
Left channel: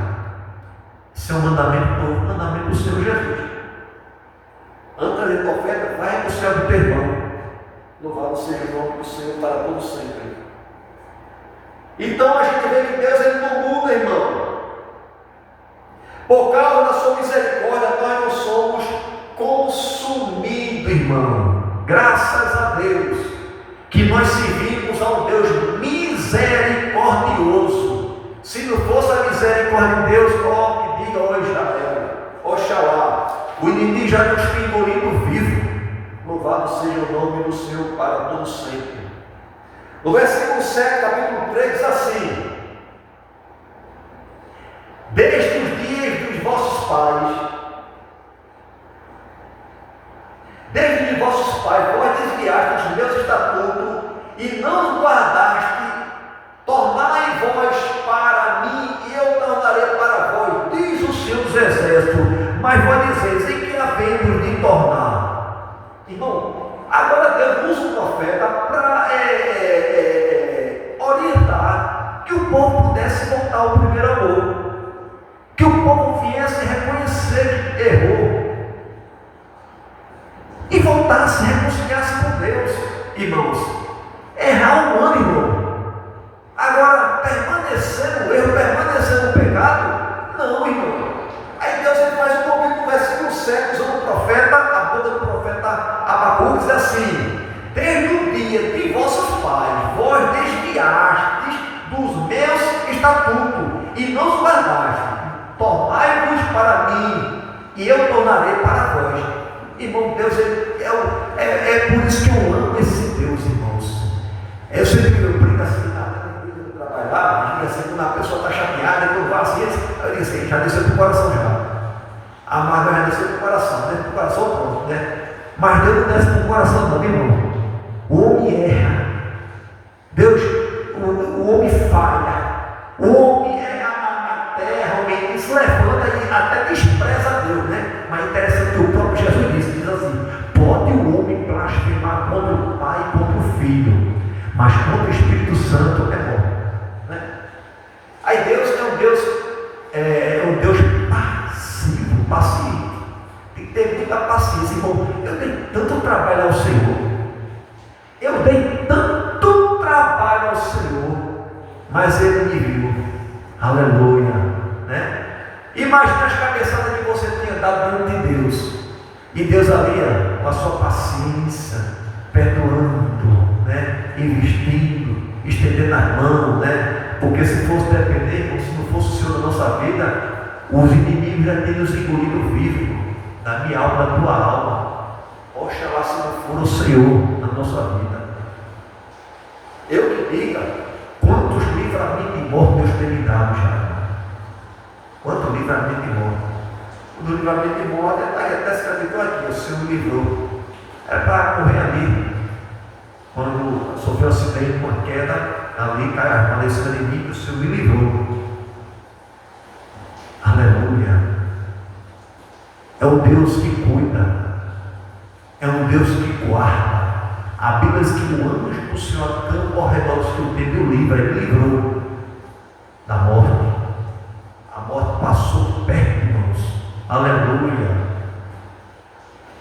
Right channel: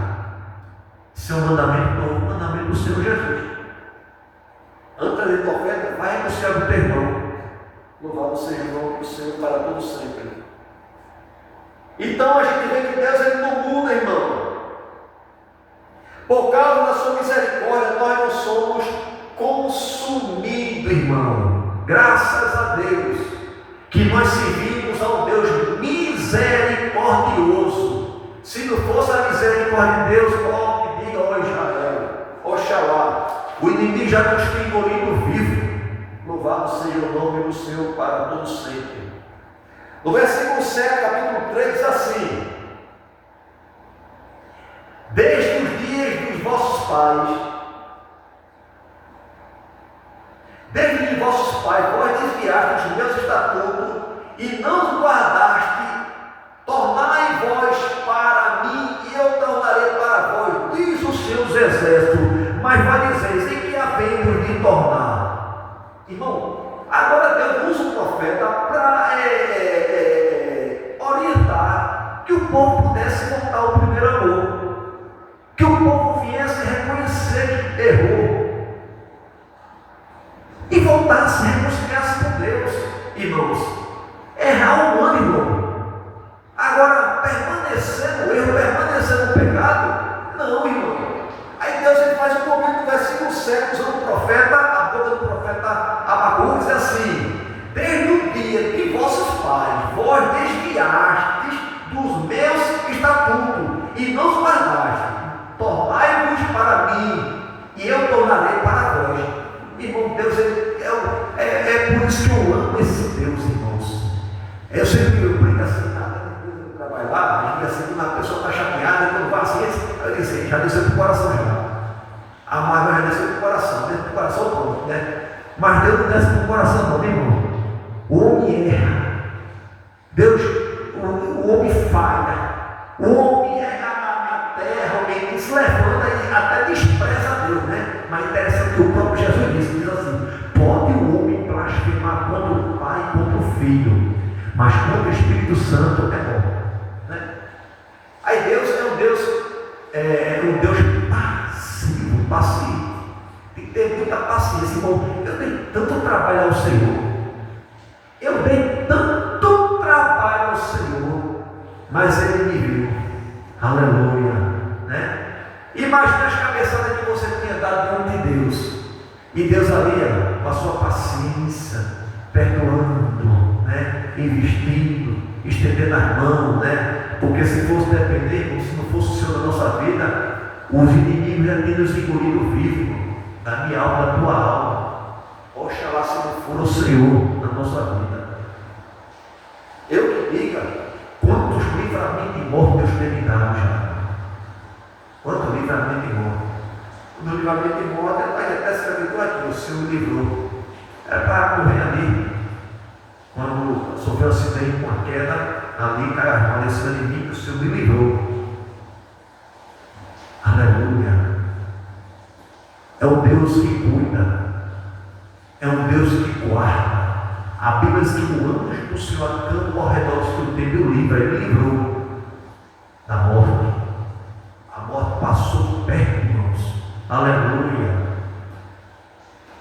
Isso é um mandamento novo, mandamento do Senhor Jesus. Antes da oferta, vai reconciliar com o teu irmão. Louvado Louvado seja o nome do Senhor para todo sempre. Então a gente vê que Deus ele não muda, irmão. Por causa da sua misericórdia, nós não somos consumidos, irmão. Graças a Deus, que nós servimos a um Deus misericordioso. Se não fosse a misericórdia de Deus, ó, que diga, ó Israel, Oxalá, o inimigo já nos tem engolido vivo. Louvado seja o nome do Senhor para todo sempre. No versículo 7, capítulo 3, diz assim: desde os dias dos vossos pais, vós desviaste os meus estatutos e não os guardaste. Tornai vós para mim e eu tornarei para vós, diz o Senhor dos Exércitos. Mas fariseus, em que havemos de tornar? Irmão, agora Deus usa o profeta para orientar que o povo pudesse voltar ao primeiro amor, que o povo viesse reconhecer que errou e voltasse, reconciliasse com Deus. Irmãos, errar humano, irmão. Agora, permanecer no erro, permanecer no pecado, não, irmão. Aí Deus ele faz um momento no versículo 7, usando o profeta, a boca do profeta Abacuque, diz assim: desde o dia que vossos pais, vós desviastes dos meus estatutos e não os guardastes, tornai-vos para mim e eu tornarei para vós. Irmão, Deus é por isso que eu amo esse Deus, irmãos. Eu sempre brinco assim, trabalhar, assim, quando a pessopessoa está chateada, quando vai assim, eu disse, já desceu para o coração já. A mágoa já desceu para o coração, desceu para o coração pronto, né? Mas Deus não desce para o coração não, irmão. O homem erra. Deus, o homem falha. O homem erra na terra, o homem se levanta e até despreza a Deus, né? Mas interessante que o próprio Jesus diz assim: pode o homem blasfemar contra o Pai e contra o Filho, mas contra o Espírito Santo é bom. Aí Deus é um Deus passivo, paciente. Tem que ter muita paciência, irmão. Eu dei tanto trabalho ao Senhor. Eu dei tanto trabalho ao Senhor, mas Ele me viu. Aleluia, né? Imagina as cabeçadas que você tinha dado diante de Deus. E Deus ali, com a sua paciência, perdoando, né? Investindo, estendendo as mãos, né? Porque se fosse depender, como se não fosse o Senhor da nossa vida, os inimigos já teriam nos engolido vivo, da minha alma, da tua alma. Oxalá se não for o Senhor na nossa vida. Eu que diga, quantos livramentos de morte Deus tem me dado já? Quantos livramentos de morte? O livramento de morte até escreveu aqui, o Senhor me livrou. Era para morrer ali. Quando sofreu um acidente com a queda, ali cai a mão desse inimigo, o Senhor me livrou. Aleluia. É um Deus que cuida, é um Deus que guarda. A Bíblia diz que o anjo do Senhor acampa ao redor do seu tempo e o livra. Ele livrou da morte. A morte passou perto, irmãos. Aleluia.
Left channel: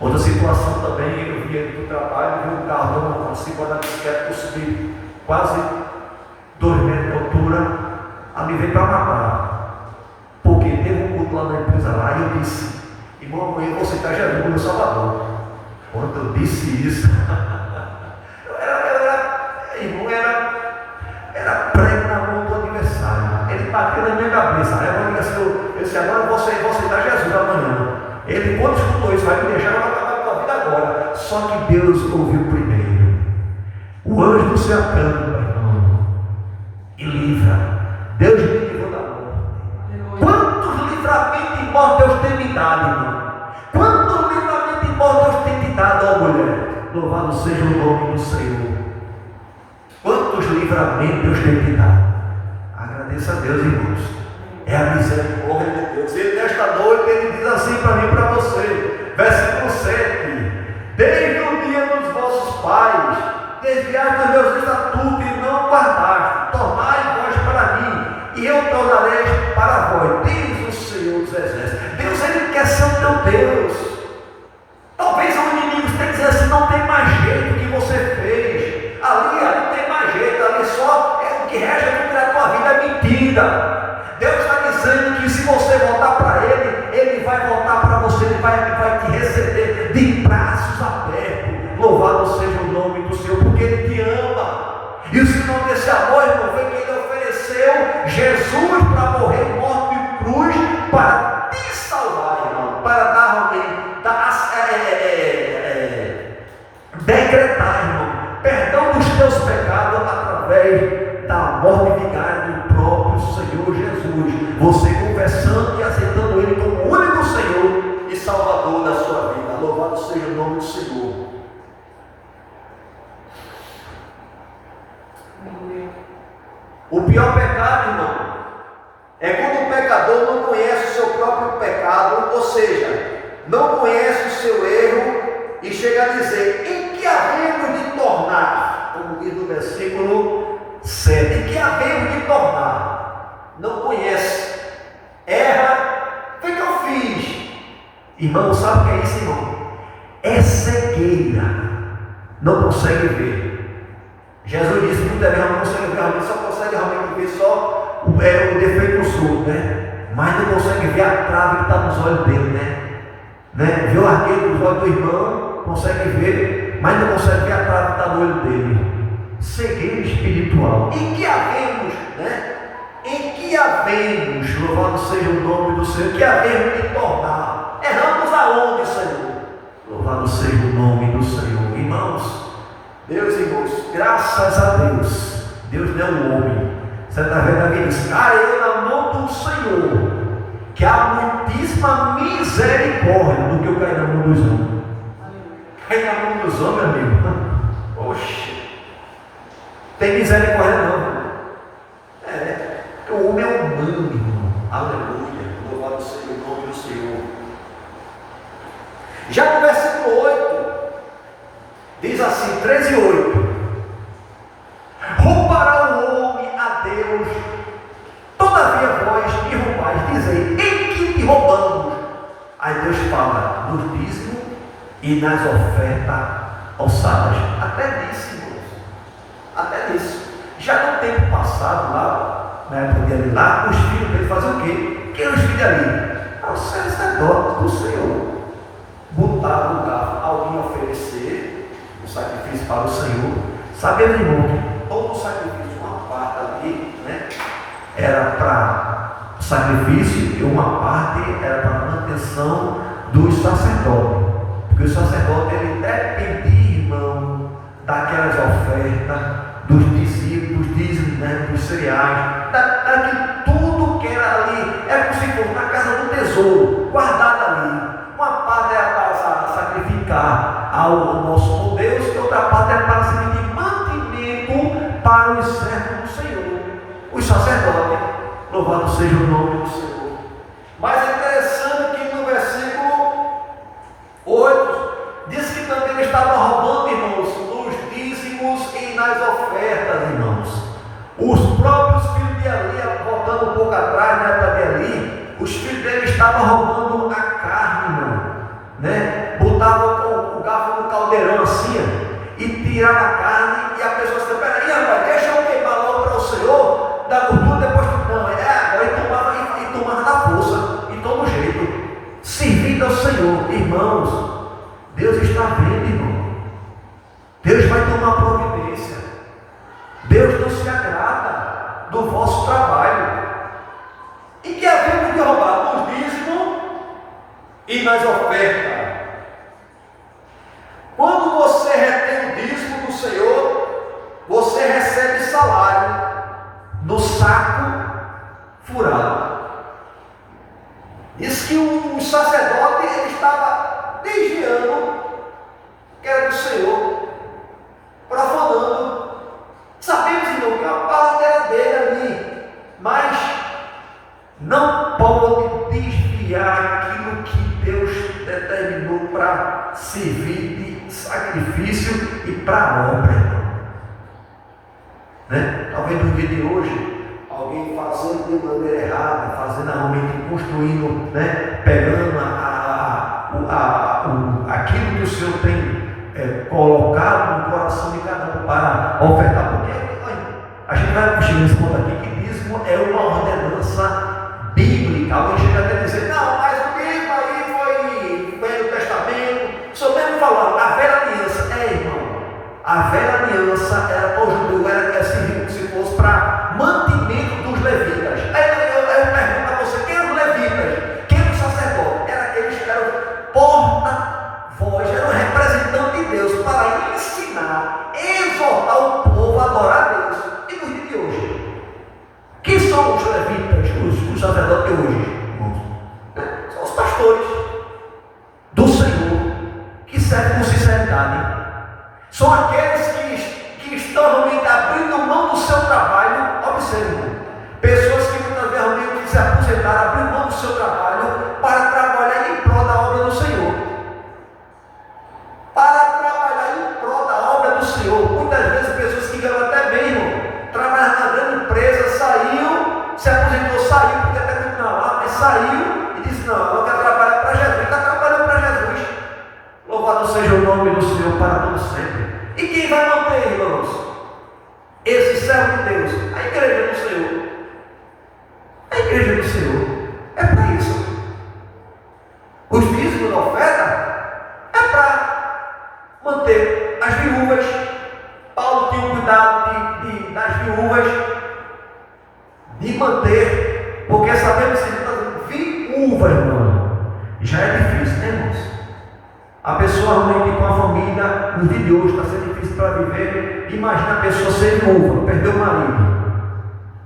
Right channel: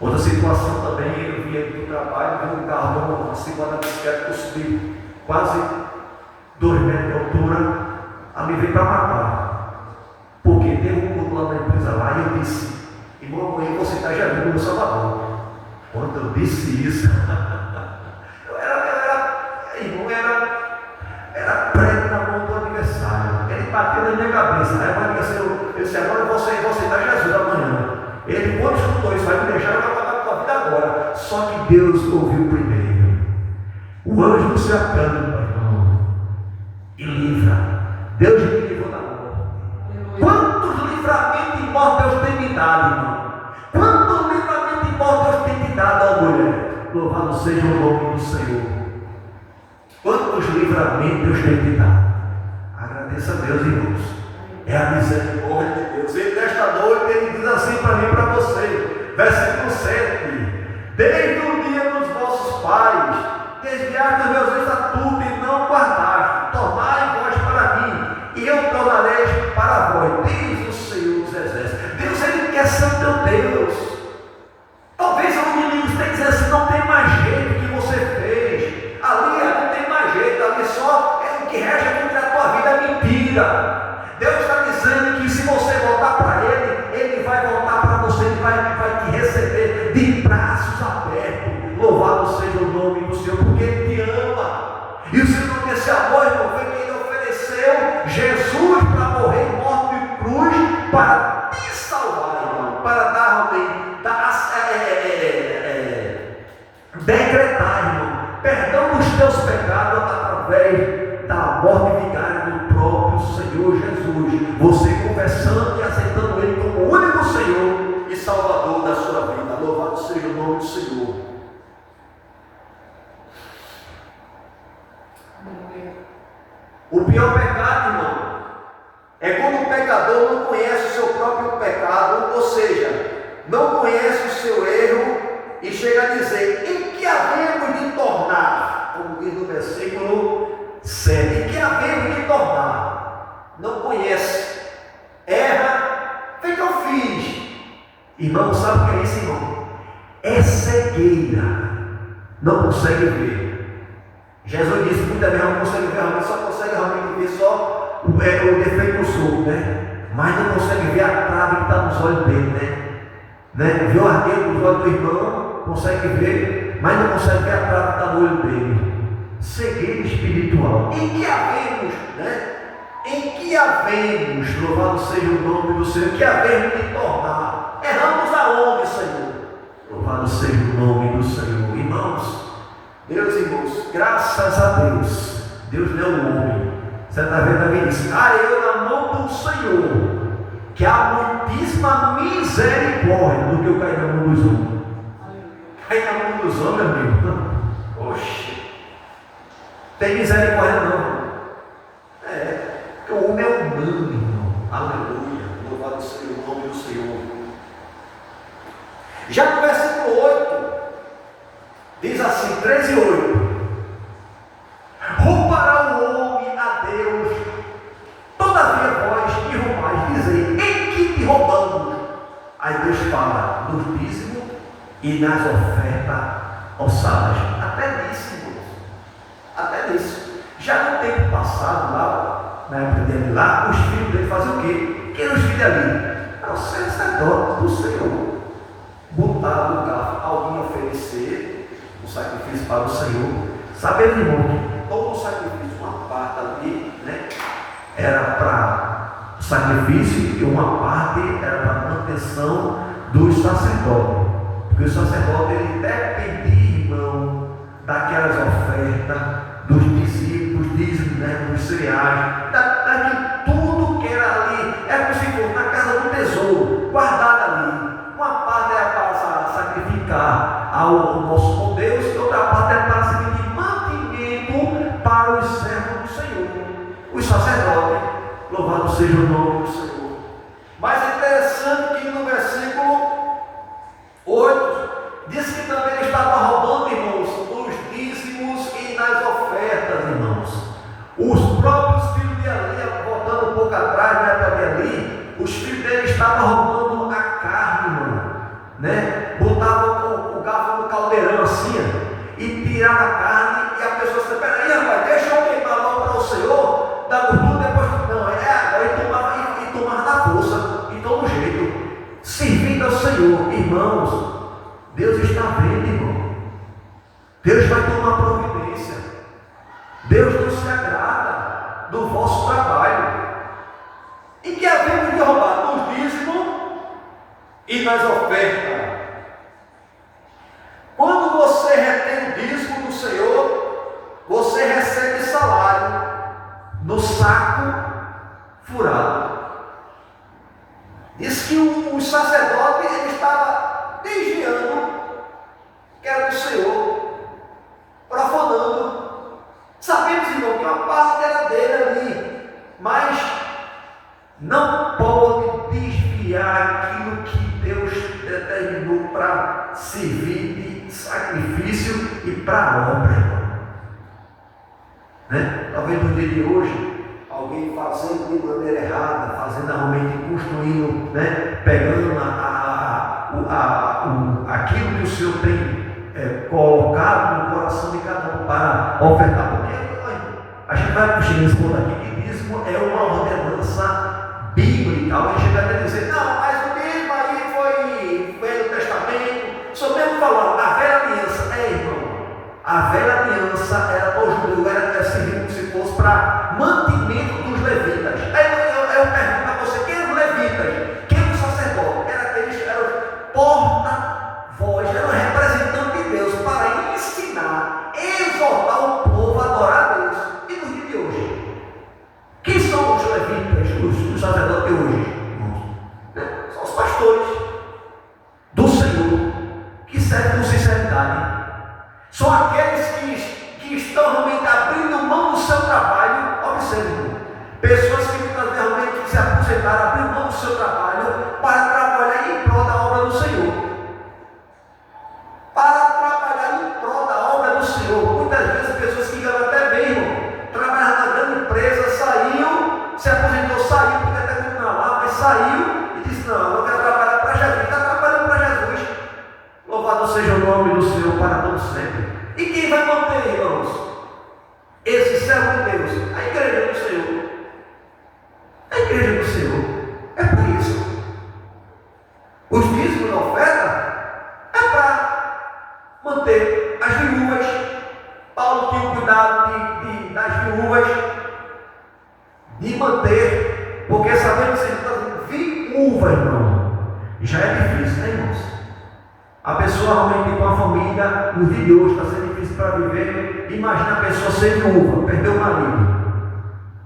Outra situação também, eu via do trabalho, vi um carro, uma segunda bicicleta, que eu subi quase 2 metros de altura, ali veio para matar. Porque teve um culto lá na empresa lá, e eu disse: irmão, amanhã você está Jesus no Salvador. Quando eu disse isso, era prego na mão do adversário. Ele bateu na minha cabeça. Aí eu disse: agora você está Jesus amanhã. Ele, quando escutou isso, vai me deixar, eu vou acabar com a vida agora. Só que Deus ouviu primeiro. O anjo do céu acampa, irmão, e livra. Deus me livrou da morte. Quantos livramentos de morte Deus tem me dado, irmão? Quantos livramentos de morte Deus tem te dado, ó mulher? Louvado seja o nome do Senhor. Quantos livramentos Deus tem te dado? Agradeça a Deus, irmãos. É a misericórdia de Deus. E nesta noite Ele diz assim para mim e para você, versículo 7: desde o dia dos vossos pais, desviaste os meus estatutos e não guardaste, tornai vós para mim, e eu tornarei para vós, diz o Senhor dos Exércitos. Deus, Ele quer ser o teu Deus. Talvez o inimigo esteja dizendo assim: não tem mais jeito que você fez. porque Ele te ama. E o sinal desse amor, irmão, foi que Ele ofereceu Jesus para morrer morto em cruz, para te salvar, irmão, para dar decretar, irmão, perdão dos teus pecados através da morte vigária do próprio Senhor Jesus. Você confessando e aceitando Ele como o único Senhor e Salvador da sua vida. Louvado seja o nome do Senhor. O pior pecado, irmão, é quando o pecador não conhece o seu próprio pecado, ou seja, não conhece o seu erro e chega a dizer: em que havemos de tornar? Como diz no versículo 7, em que havemos de tornar? Não conhece, erra, vem que eu fiz. Irmão, sabe o que é isso, irmão? É cegueira, não consegue ver. Jesus disse muitas vezes: não consegue ver realmente, só consegue realmente ver só o defeito do outros, né? Mas não consegue ver a trave que está nos olhos dele, né? Vê o arqueiro nos olhos do irmão, consegue ver, mas não consegue ver a trave que está no olho dele. Cegueira espiritual. Em que havemos, né? Em que havemos, louvado seja o nome do Senhor, que havemos de tornar? Erramos aonde, Senhor? Louvado seja o nome do Senhor. Irmãos, meus irmãos, graças a Deus, Deus não é um homem. Você está vendo a Bíblia diz: eu na mão do Senhor, que há muitíssima misericórdia do que eu cair na mão dos homens. Cair na mão dos homens, amigo. Oxe, tem misericórdia não. O homem é humano, irmão. Aleluia, louvado seja o nome do Senhor. Já no versículo 8, diz assim, 13:8: roubará o homem a Deus, todavia vós me roubais, dizei: em que te roubamos? Aí Deus fala nos dízimos e nas ofertas alçadas. Até nisso, irmãos, até nisso. Já no tempo passado, lá, na época dele lá, os filhos dele faziam o quê? Quem eram os filhos ali? Era o sacerdote do Senhor. Botar no lugar alguém oferecer o sacrifício para o Senhor. Sabendo, irmão, que todo o sacrifício, uma parte ali, né, era para sacrifício e uma parte era para manutenção dos sacerdotes. Porque o sacerdote, ele dependia, irmão, daquelas ofertas, dos dízimos, né, dos cereais, daquilo tudo que era ali, era como se fosse na casa do tesouro, guardado ali. Uma parte era para sacrificar ao nosso Deus, e outra parte era para servir de mantimento para os servos do Senhor, os sacerdotes. Louvado seja o nome do Senhor. Mas é interessante que no versículo 8 diz que também ele estava roubando, irmãos, nos dízimos e nas ofertas, irmãos. Os próprios filhos de Ali, voltando um pouco atrás, na época de Ali, os filhos dele estavam roubando a carne, irmão, né? Botavam o garfo no caldeirão assim, e tirava a carne, e a pessoa disse: peraí, rapaz, deixa eu queimar logo para o Senhor, da gordura, depois não, agora e tomar na força, e todo jeito, servindo ao Senhor. Irmãos, Deus está vendo, irmão. Deus vai tomar providência. Deus não se agrada do vosso trabalho. E que havemos de roubar nos dízimos e nas ofertas. Quando você retém o dízimo do Senhor, você recebe salário no saco furado. Diz que o sacerdote, ele estava desviando, que era do Senhor, profanando. Sabemos, irmão, que uma parte era dele ali, mas não pode desviar aquilo que Deus determinou para servir de sacrifício e para obra, irmão. Né? Talvez no dia de hoje, alguém fazendo de maneira errada, fazendo realmente, construindo, né? Pegando aquilo que o Senhor tem colocado no coração de cada um para ofertar. Porque a gente vai chegar nesse ponto aqui que dízimo é uma ordenança bíblica. Alguém chega até a dizer: não, mas o dízimo aí foi no Testamento. O Senhor mesmo falou, a velha aliança. Irmão, a A velha aliança era para o judeu, era servido como se fosse para mantimento dos levitas. Aí eu pergunto a você, quem eram os levitas? Quem era o sacerdote? Eles eram porta-voz, eram representantes de Deus para ensinar, exortar o povo a adorar a Deus. E no dia de hoje? Quem são os levitas, os sacerdotes de hoje, irmãos? São os pastores do Senhor, que servem com sinceridade. São aqueles que estão realmente abrindo mão do seu trabalho. Observe, pessoas que muitas vezes realmente se aposentaram, abrindo mão do seu trabalho para trabalhar em prol da obra do Senhor. Para trabalhar em prol da obra do Senhor. Muitas vezes pessoas que ganham até bem, irmão, trabalham na grande empresa, saiu, se aposentou, saiu, porque até muito na lá, mas saiu e disse, não, eu quero trabalhar para Jesus. Está trabalhando para Jesus. Louvado seja o nome do Senhor para todo sempre. E quem vai manter, irmãos, esse servo de Deus? A igreja do Senhor. A igreja do Senhor. É para isso. Os dízimos da oferta é para manter as viúvas. Paulo tinha o cuidado das viúvas, de manter, porque sabemos que viúva, irmão, já é difícil, né, irmãos? A pessoa realmente com a família, no dia de hoje, está sendo difícil para viver. Imagina a pessoa ser viúva, perdeu o marido.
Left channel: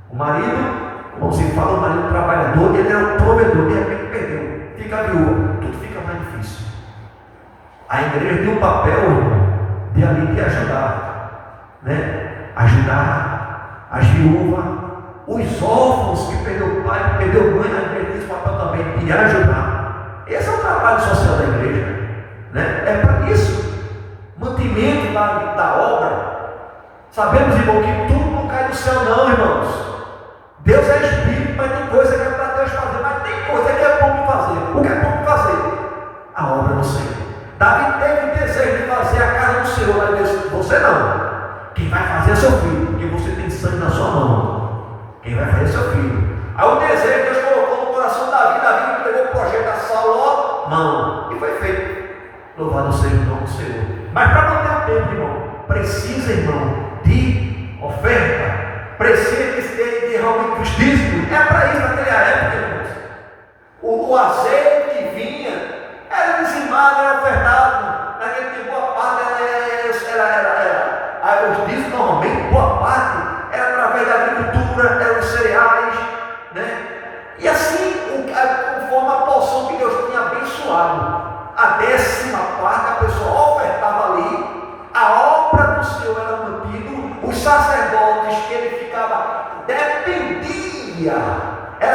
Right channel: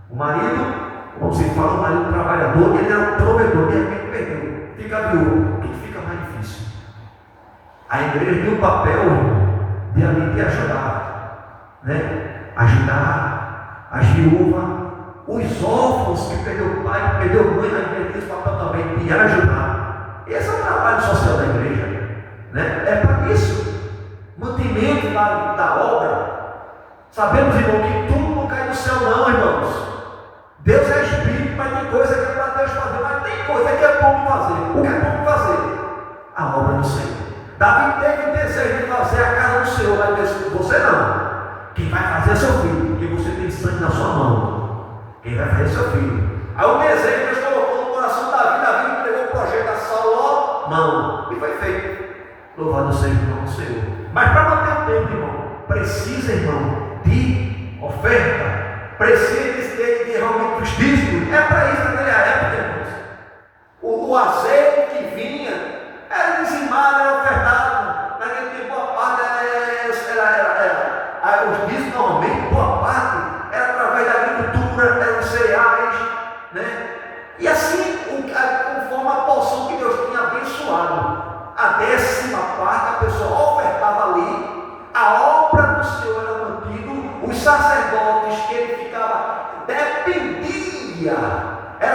O marido, como se fala, o marido trabalhador, ele era provedor, de repente perdeu, fica viúva, tudo fica mais difícil. A igreja tem um papel de ali de ajudar, né? Ajudar as viúvas, os órfãos que perdeu o pai, perdeu a mãe, na igreja tem esse papel também de ajudar. Esse é o trabalho social da igreja. Né? É para isso, mantimento da obra. Sabemos, irmão, que tudo não cai do céu, não, irmãos. Deus é espírito, mas tem coisa que é para Deus fazer, mas tem coisa que é bom de fazer. O que é bom de fazer? A obra do Senhor. Davi teve desejo de fazer a casa do Senhor, mas Deus, você não. Quem vai fazer é seu filho, porque você tem sangue na sua mão. Quem vai fazer é seu filho. Aí o desejo Deus colocou no coração de Davi entregou o projeto a Salomão, e foi feito. Louvado seja o nome do Senhor. Mas para manter o tempo, irmão, precisa, irmão, de oferta, precisa de realmente os dízimos. É para isso naquela época, irmãos. O azeite que vinha era dizimado, era ofertado. Naquele tempo, boa parte era os dízimos, normalmente, boa parte era através da agricultura, eram os cereais, né? E assim, conforme a porção que Deus tinha abençoado. A 10ª parte a pessoa ofertava ali, a obra do Senhor era mantida, os sacerdotes que ele ficava, era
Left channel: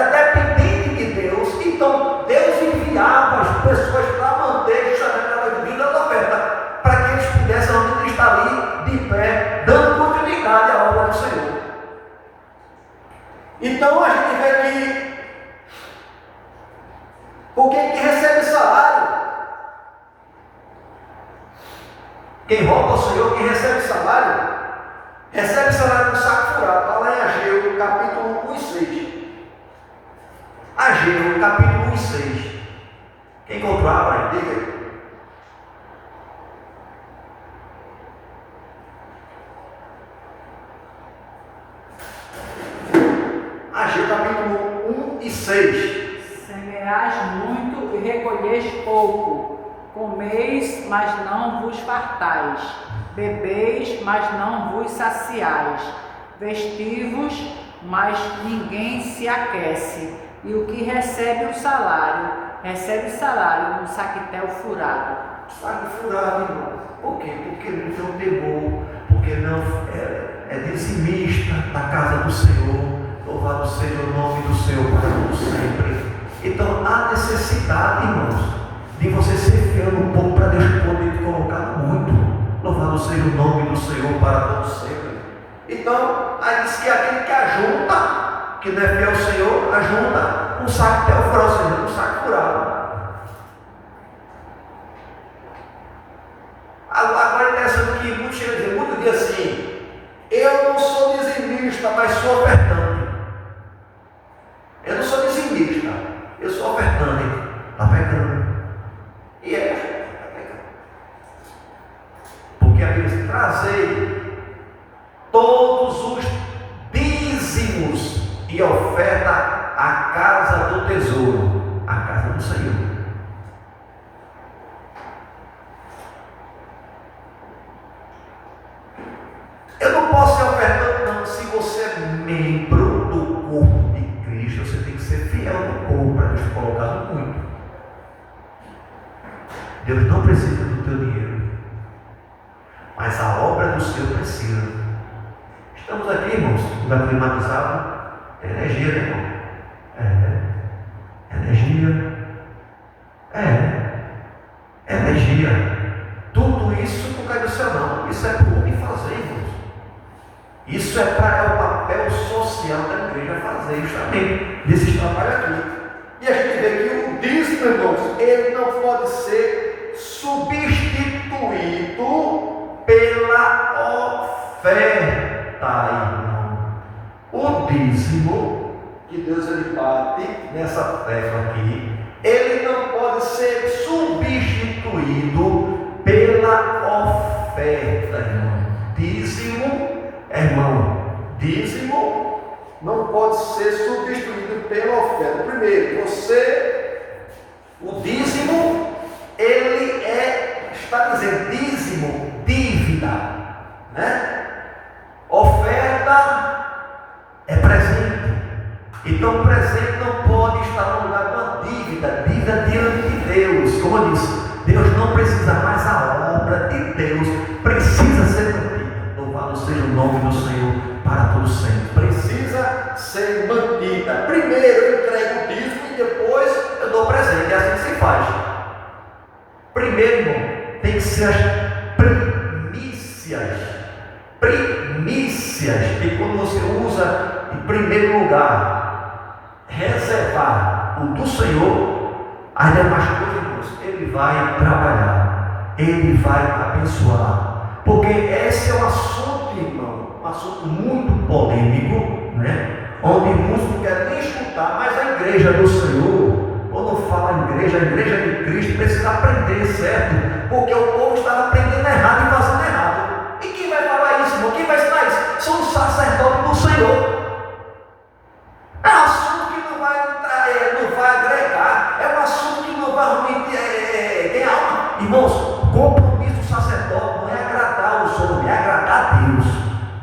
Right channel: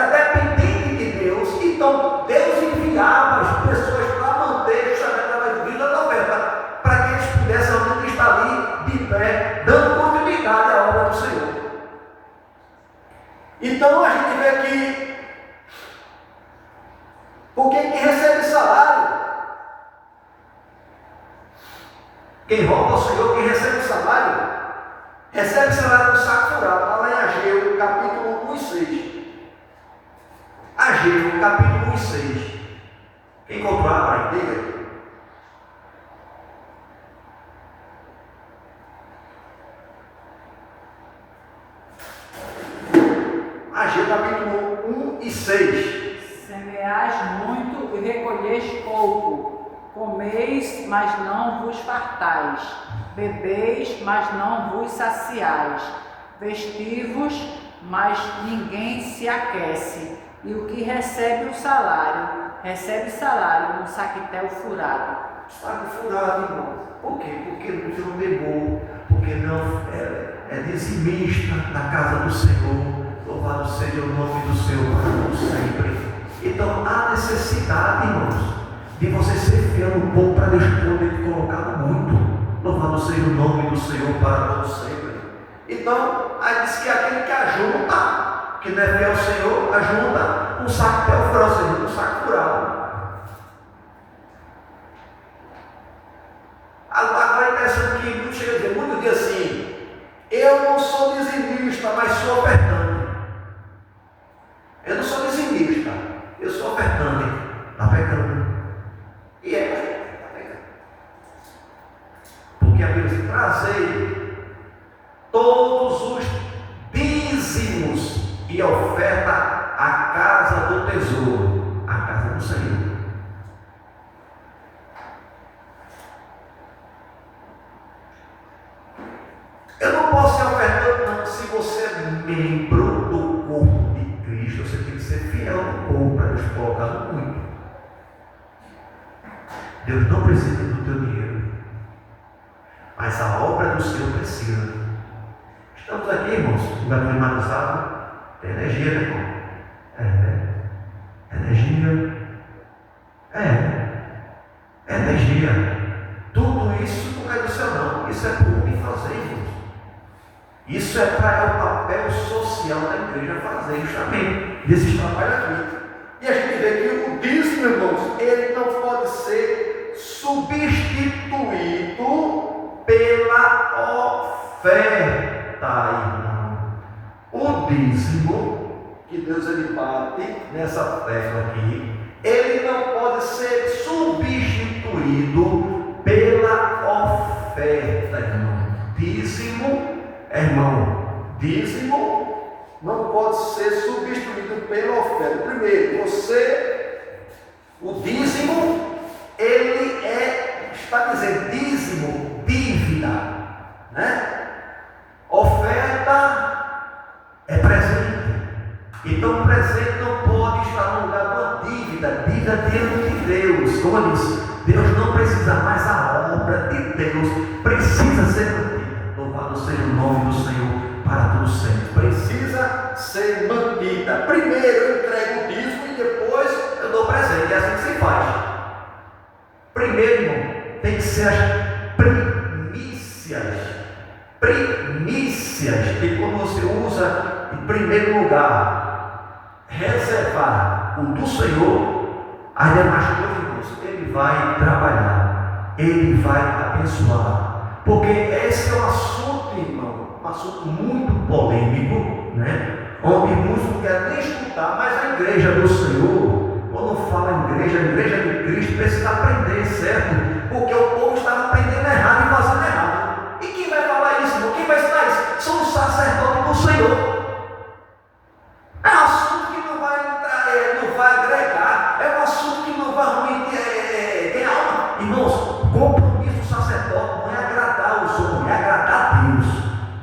dependente de Deus, então Deus enviava as pessoas para manter justamente a vida da oferta, para que eles pudessem realmente estar ali de pé, dando continuidade à obra do Senhor. Então a gente vê que, porque quem recebe salário, quem rouba o Senhor, quem recebe salário do saco furado. Está lá em Ageu, capítulo 1 e 6. Ageu, capítulo 1 e 6. Quem encontrou a diga. Ageu, capítulo 1 e 6. Semeais muito e recolheis pouco. Comeis, mas não vos fartais. Bebeis, mas não vos saciais. Vestivos, mas ninguém se aquece. E o que recebe salário no saquetel furado. Saco furado, irmão. Por quê? Porque ele não pegou, porque não é dizimista na casa do Senhor. Louvado seja o nome do Senhor para sempre. Então há necessidade, irmãos, de você ser fiel no pouco para Deus poder te colocar no muito. Louvado seja o nome do Senhor para todo sempre. Então, aí diz que aquele que ajunta, que não é fiel ao Senhor, ajunta um saco até o furado, um saco furado. Agora é interessante que muitos chegam a dizer, muito dia assim, eu não sou dizimista, mas sou ofertante. Eu não sou dizimista, eu sou ofertante. Está pecando. E é, está pecando. Porque a Bíblia diz, trazei todos os dízimos e oferta à casa do tesouro, à casa do Senhor. Eu não posso ser ofertando, não. Se você é membro do corpo de Cristo, você tem que ser fiel no corpo para Deus colocar no muito. Deus não precisa do teu dinheiro, mas a obra do Senhor precisa. Estamos aqui, irmãos, vai climatizado, tem energia, né, irmão? Energia. Energia. Tudo isso não cai do céu, não. Isso é por homem fazer, irmãos. Isso é para o papel social da igreja fazer justamente desses trabalhos aqui. E a gente vê que o dízimo, irmãos, ele não pode ser substituído pela oferta, irmão. O dízimo, que Deus ele bate nessa tecla aqui, ele não pode ser substituído pela oferta, irmão. Dízimo não pode ser substituído pela oferta. Primeiro, o dízimo, ele está dizendo dízimo, dívida, né? Oferta é presente. Então, presente não pode estar no lugar de uma dívida diante de Deus. Como eu disse, Deus não precisa mais, a obra de Deus precisa ser mantida. Louvado seja o nome do Senhor para todo sempre. Precisa ser mantida. Primeiro eu entrego o dízimo e depois eu dou presente. É assim que se faz. Primeiro, irmão, tem que ser as primícias, que quando você usa em primeiro lugar, reservar o do Senhor, as demais coisas, ele vai trabalhar, ele vai abençoar. Porque esse é um assunto, irmão, um assunto muito polêmico, né? Onde muitos não querem nem escutar, mas a igreja do Senhor, quando fala em igreja, a igreja de Cristo precisa aprender, certo? Porque o povo está aprendendo errado e fazendo errado. E quem vai falar isso, irmão? Quem vai ensinar isso? São os sacerdotes do Senhor. É um assunto que não vai agregar, é um assunto que não vai realmente ter alma. Irmãos, compromisso do sacerdote não é agradar os homens, é agradar a Deus.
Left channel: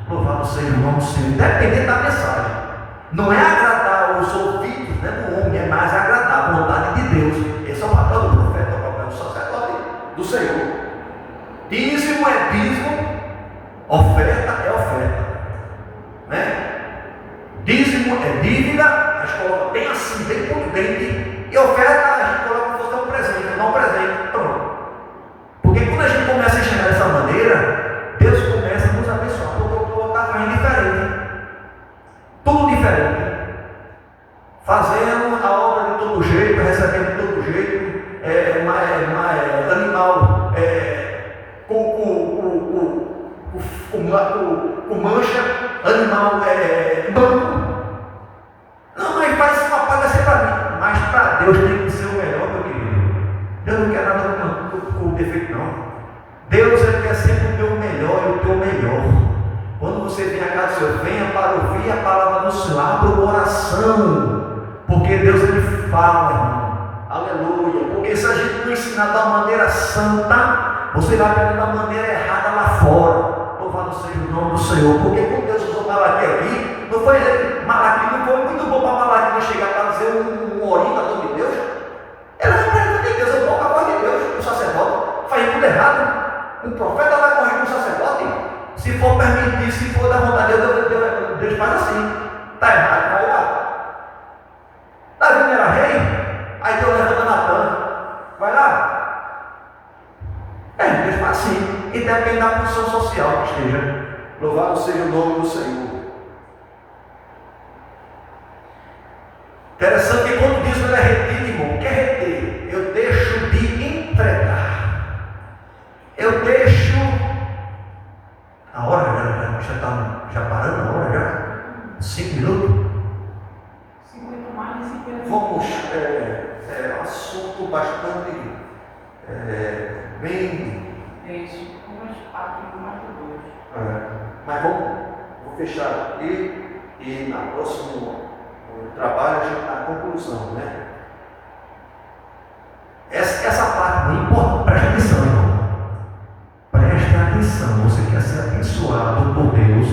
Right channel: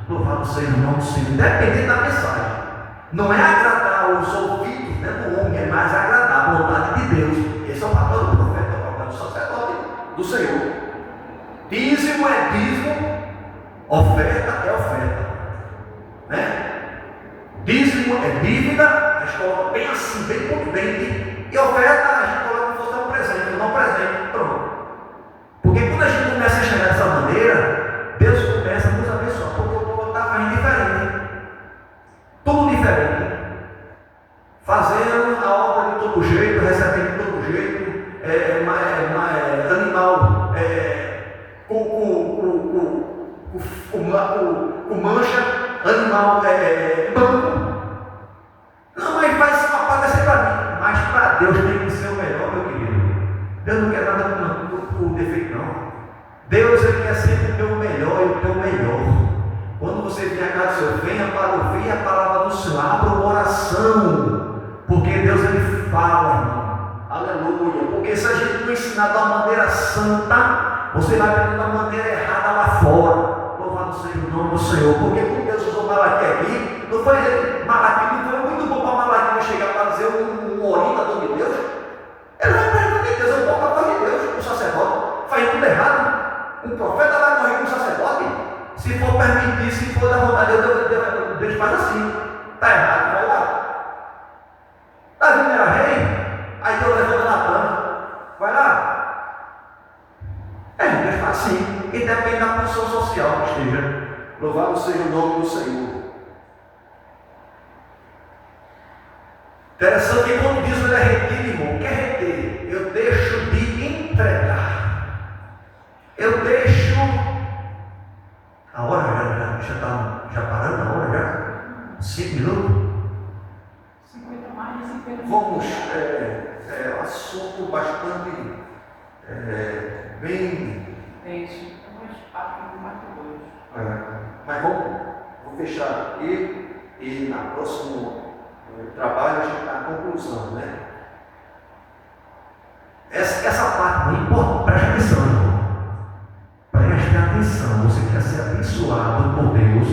Louvado seja o nome do Senhor, independente da mensagem. Não é agradar os ouvidos, né, do homem, é mais agradar a vontade de Deus. Esse é o papel do profeta, é o papel do sacerdote do Senhor. Dízimo é dízimo, oferta é oferta, né? Dízimo é dívida, a gente coloca bem assim, bem contundente, e oferta a gente coloca como se fosse um presente, não um presente, pronto. Porque quando a gente começa a enxergar dessa maneira, Deus começa a nos abençoar, porque o povo está fazendo diferente, tudo diferente, fazendo a obra de todo jeito, recebendo de todo jeito, animal, com mancha, animal banco. Não, mas faz uma paga para mim. Mas para Deus tem que ser o melhor, meu querido. Deus não quer nada com defeito, não. Deus ele quer sempre o teu melhor e o teu melhor. Quando você vem a casa do Senhor, venha para ouvir a palavra do Senhor, abra o coração. Porque Deus ele fala, irmão. Aleluia. Porque se a gente não ensinar da maneira santa, você vai aprender da maneira errada lá fora. Louvado seja o nome do Senhor. Porque quando Deus usou Malaquias aqui, não foi Malaquias, não foi muito bom para Malaquias chegar para dizer um orientador de Deus. Ele não aprende de Deus, é pouca voz de Deus, o sacerdote. Faz tudo errado. Um profeta vai morrer com um sacerdote. Se for permitir, se for da vontade de Deus faz assim. Está errado, vai lá. Davi não era rei? Aí Deus levanta Natan. Vai lá. Deus faz assim. E depende da função social que esteja. Louvado seja o nome do Senhor. Interessante que quando diz que ele é retido, irmão, o que é reter? Eu deixo de entregar. Eu deixo. A hora já está parando a hora já? 5 minutos? 50 mais de 50 minutos. Vamos, um assunto bastante bem. É isso, mais 4 mais 2. Mas vamos vou fechar aqui e na próximo trabalho a gente dá a conclusão, né? Essa parte muito importante, preste atenção, irmão. Preste atenção, você quer ser abençoado por Deus,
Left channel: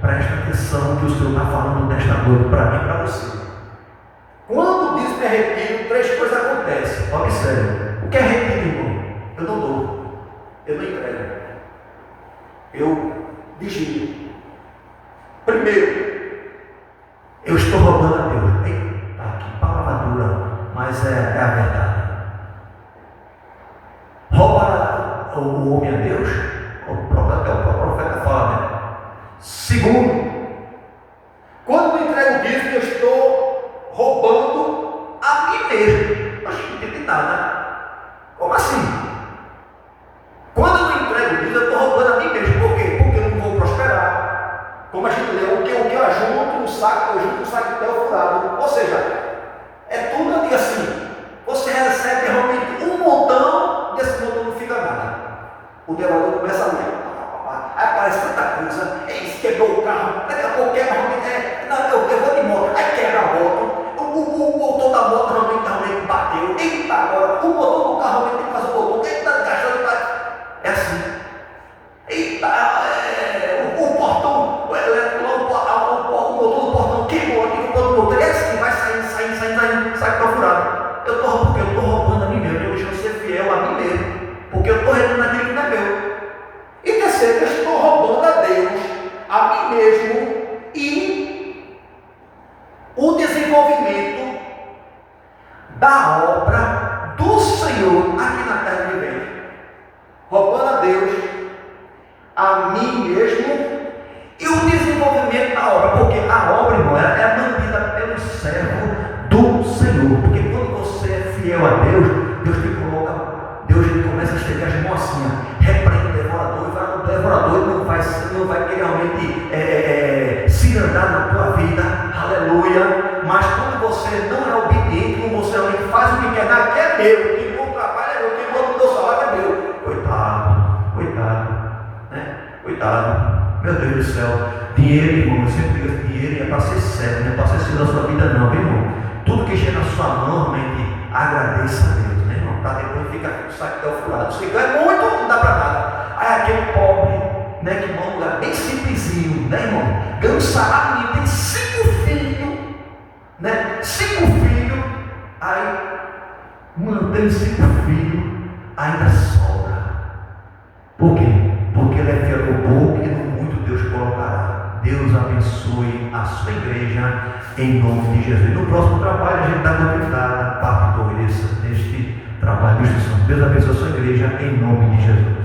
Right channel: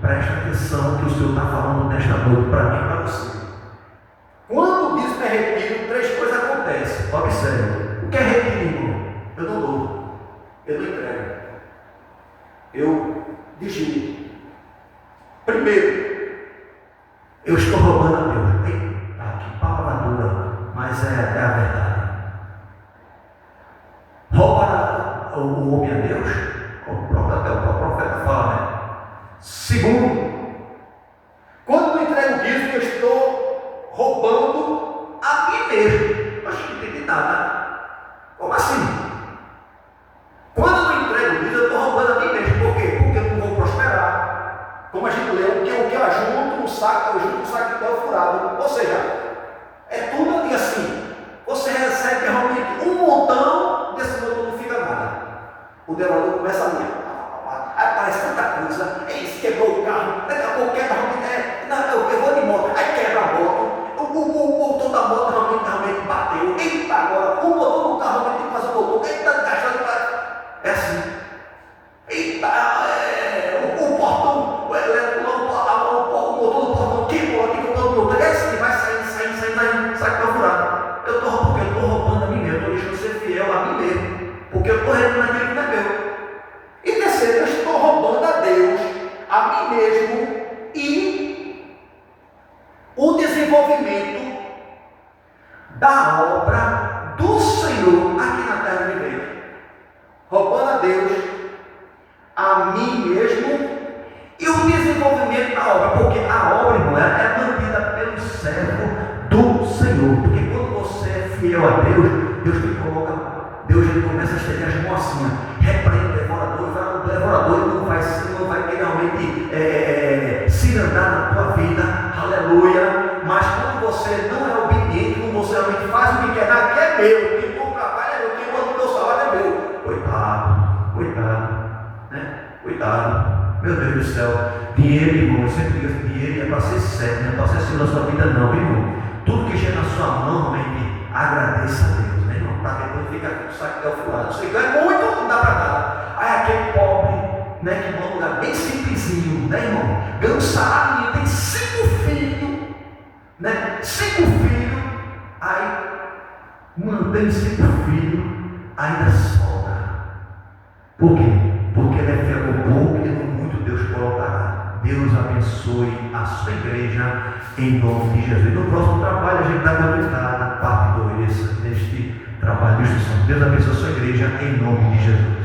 preste atenção que o Senhor está falando nesta noite para mim e para você. Quando diz que é retiro, 3 coisas acontecem. Observe. O que é retiro, irmão? Eu não dou, eu não entrego, eu vigio. Primeiro, eu estou roubando a Deus. Eita, que palavra dura, mas é a verdade. Rouba o homem a Deus, o profeta fala, né? Segundo, quando eu entrego o dízimo, eu estou roubando a mim mesmo. Acho que não entendi nada. Como assim? Quando eu entrego o dízimo, eu estou roubando a mim mesmo. Por quê? Porque eu não vou prosperar. Como a gente leu, o que eu ajunto no saco, eu junto no saco até o furado. Ou seja, é tudo ali assim. Você recebe realmente um montão, desse montão não fica nada. O devorador começa ali, aí aparece tanta coisa, isso, quebrou o carro, daqui a pouco quebra, eu vou de moto, aí quebra a moto, o motor da moto realmente bateu, eita agora, o motor do carro realmente tem que fazer o motor, eita, gastando, é assim. Eita, o portão, o motor do portão quebrou aqui, o motor, é assim, vai saindo, sai para furado. Porque eu estou roubando a mim mesmo, eu estou deixando ser fiel a mim mesmo, porque eu estou realizando aquilo que não é meu. E terceiro, eu estou roubando a Deus, a mim mesmo e o desenvolvimento da obra do Senhor aqui na terra de vivente. Roubando a Deus, a mim mesmo e o desenvolvimento da obra, porque a obra, irmão, é mantida pelo servo do Senhor, porque quando você é fiel a Deus, Deus ele começa a estender as mãos assim, repreende o devorador ele não vai querer realmente se andar na tua vida, aleluia. Mas quando você não é obediente, quando você realmente faz o que quer, que é meu, quem bom trabalho é meu, quem bom do meu salário é meu. Coitado, meu Deus do céu. Dinheiro, irmão, eu sempre digo, dinheiro é para ser certo, não é para ser seguro na sua vida, não, irmão. Tudo que chega na sua mão, realmente, agradeça a Deus, né, irmão? Para depois ficar com o saco até o furado. Você ganha muito, não dá para nada. Aí aquele pobre, né, que mora num lugar bem simplesinho, né, irmão? Ganha um salário e tem 5 filhos, né? 5 filhos, aí mantém 5 filhos, ainda sobra. Por quê? Porque ele é fiel no pouco e no muito Deus colocará. Deus abençoe a sua igreja em nome de Jesus. No próximo trabalho a gente dá continuidade a parte 2 deste trabalho de instrução. Deus abençoe a sua igreja em nome de Jesus.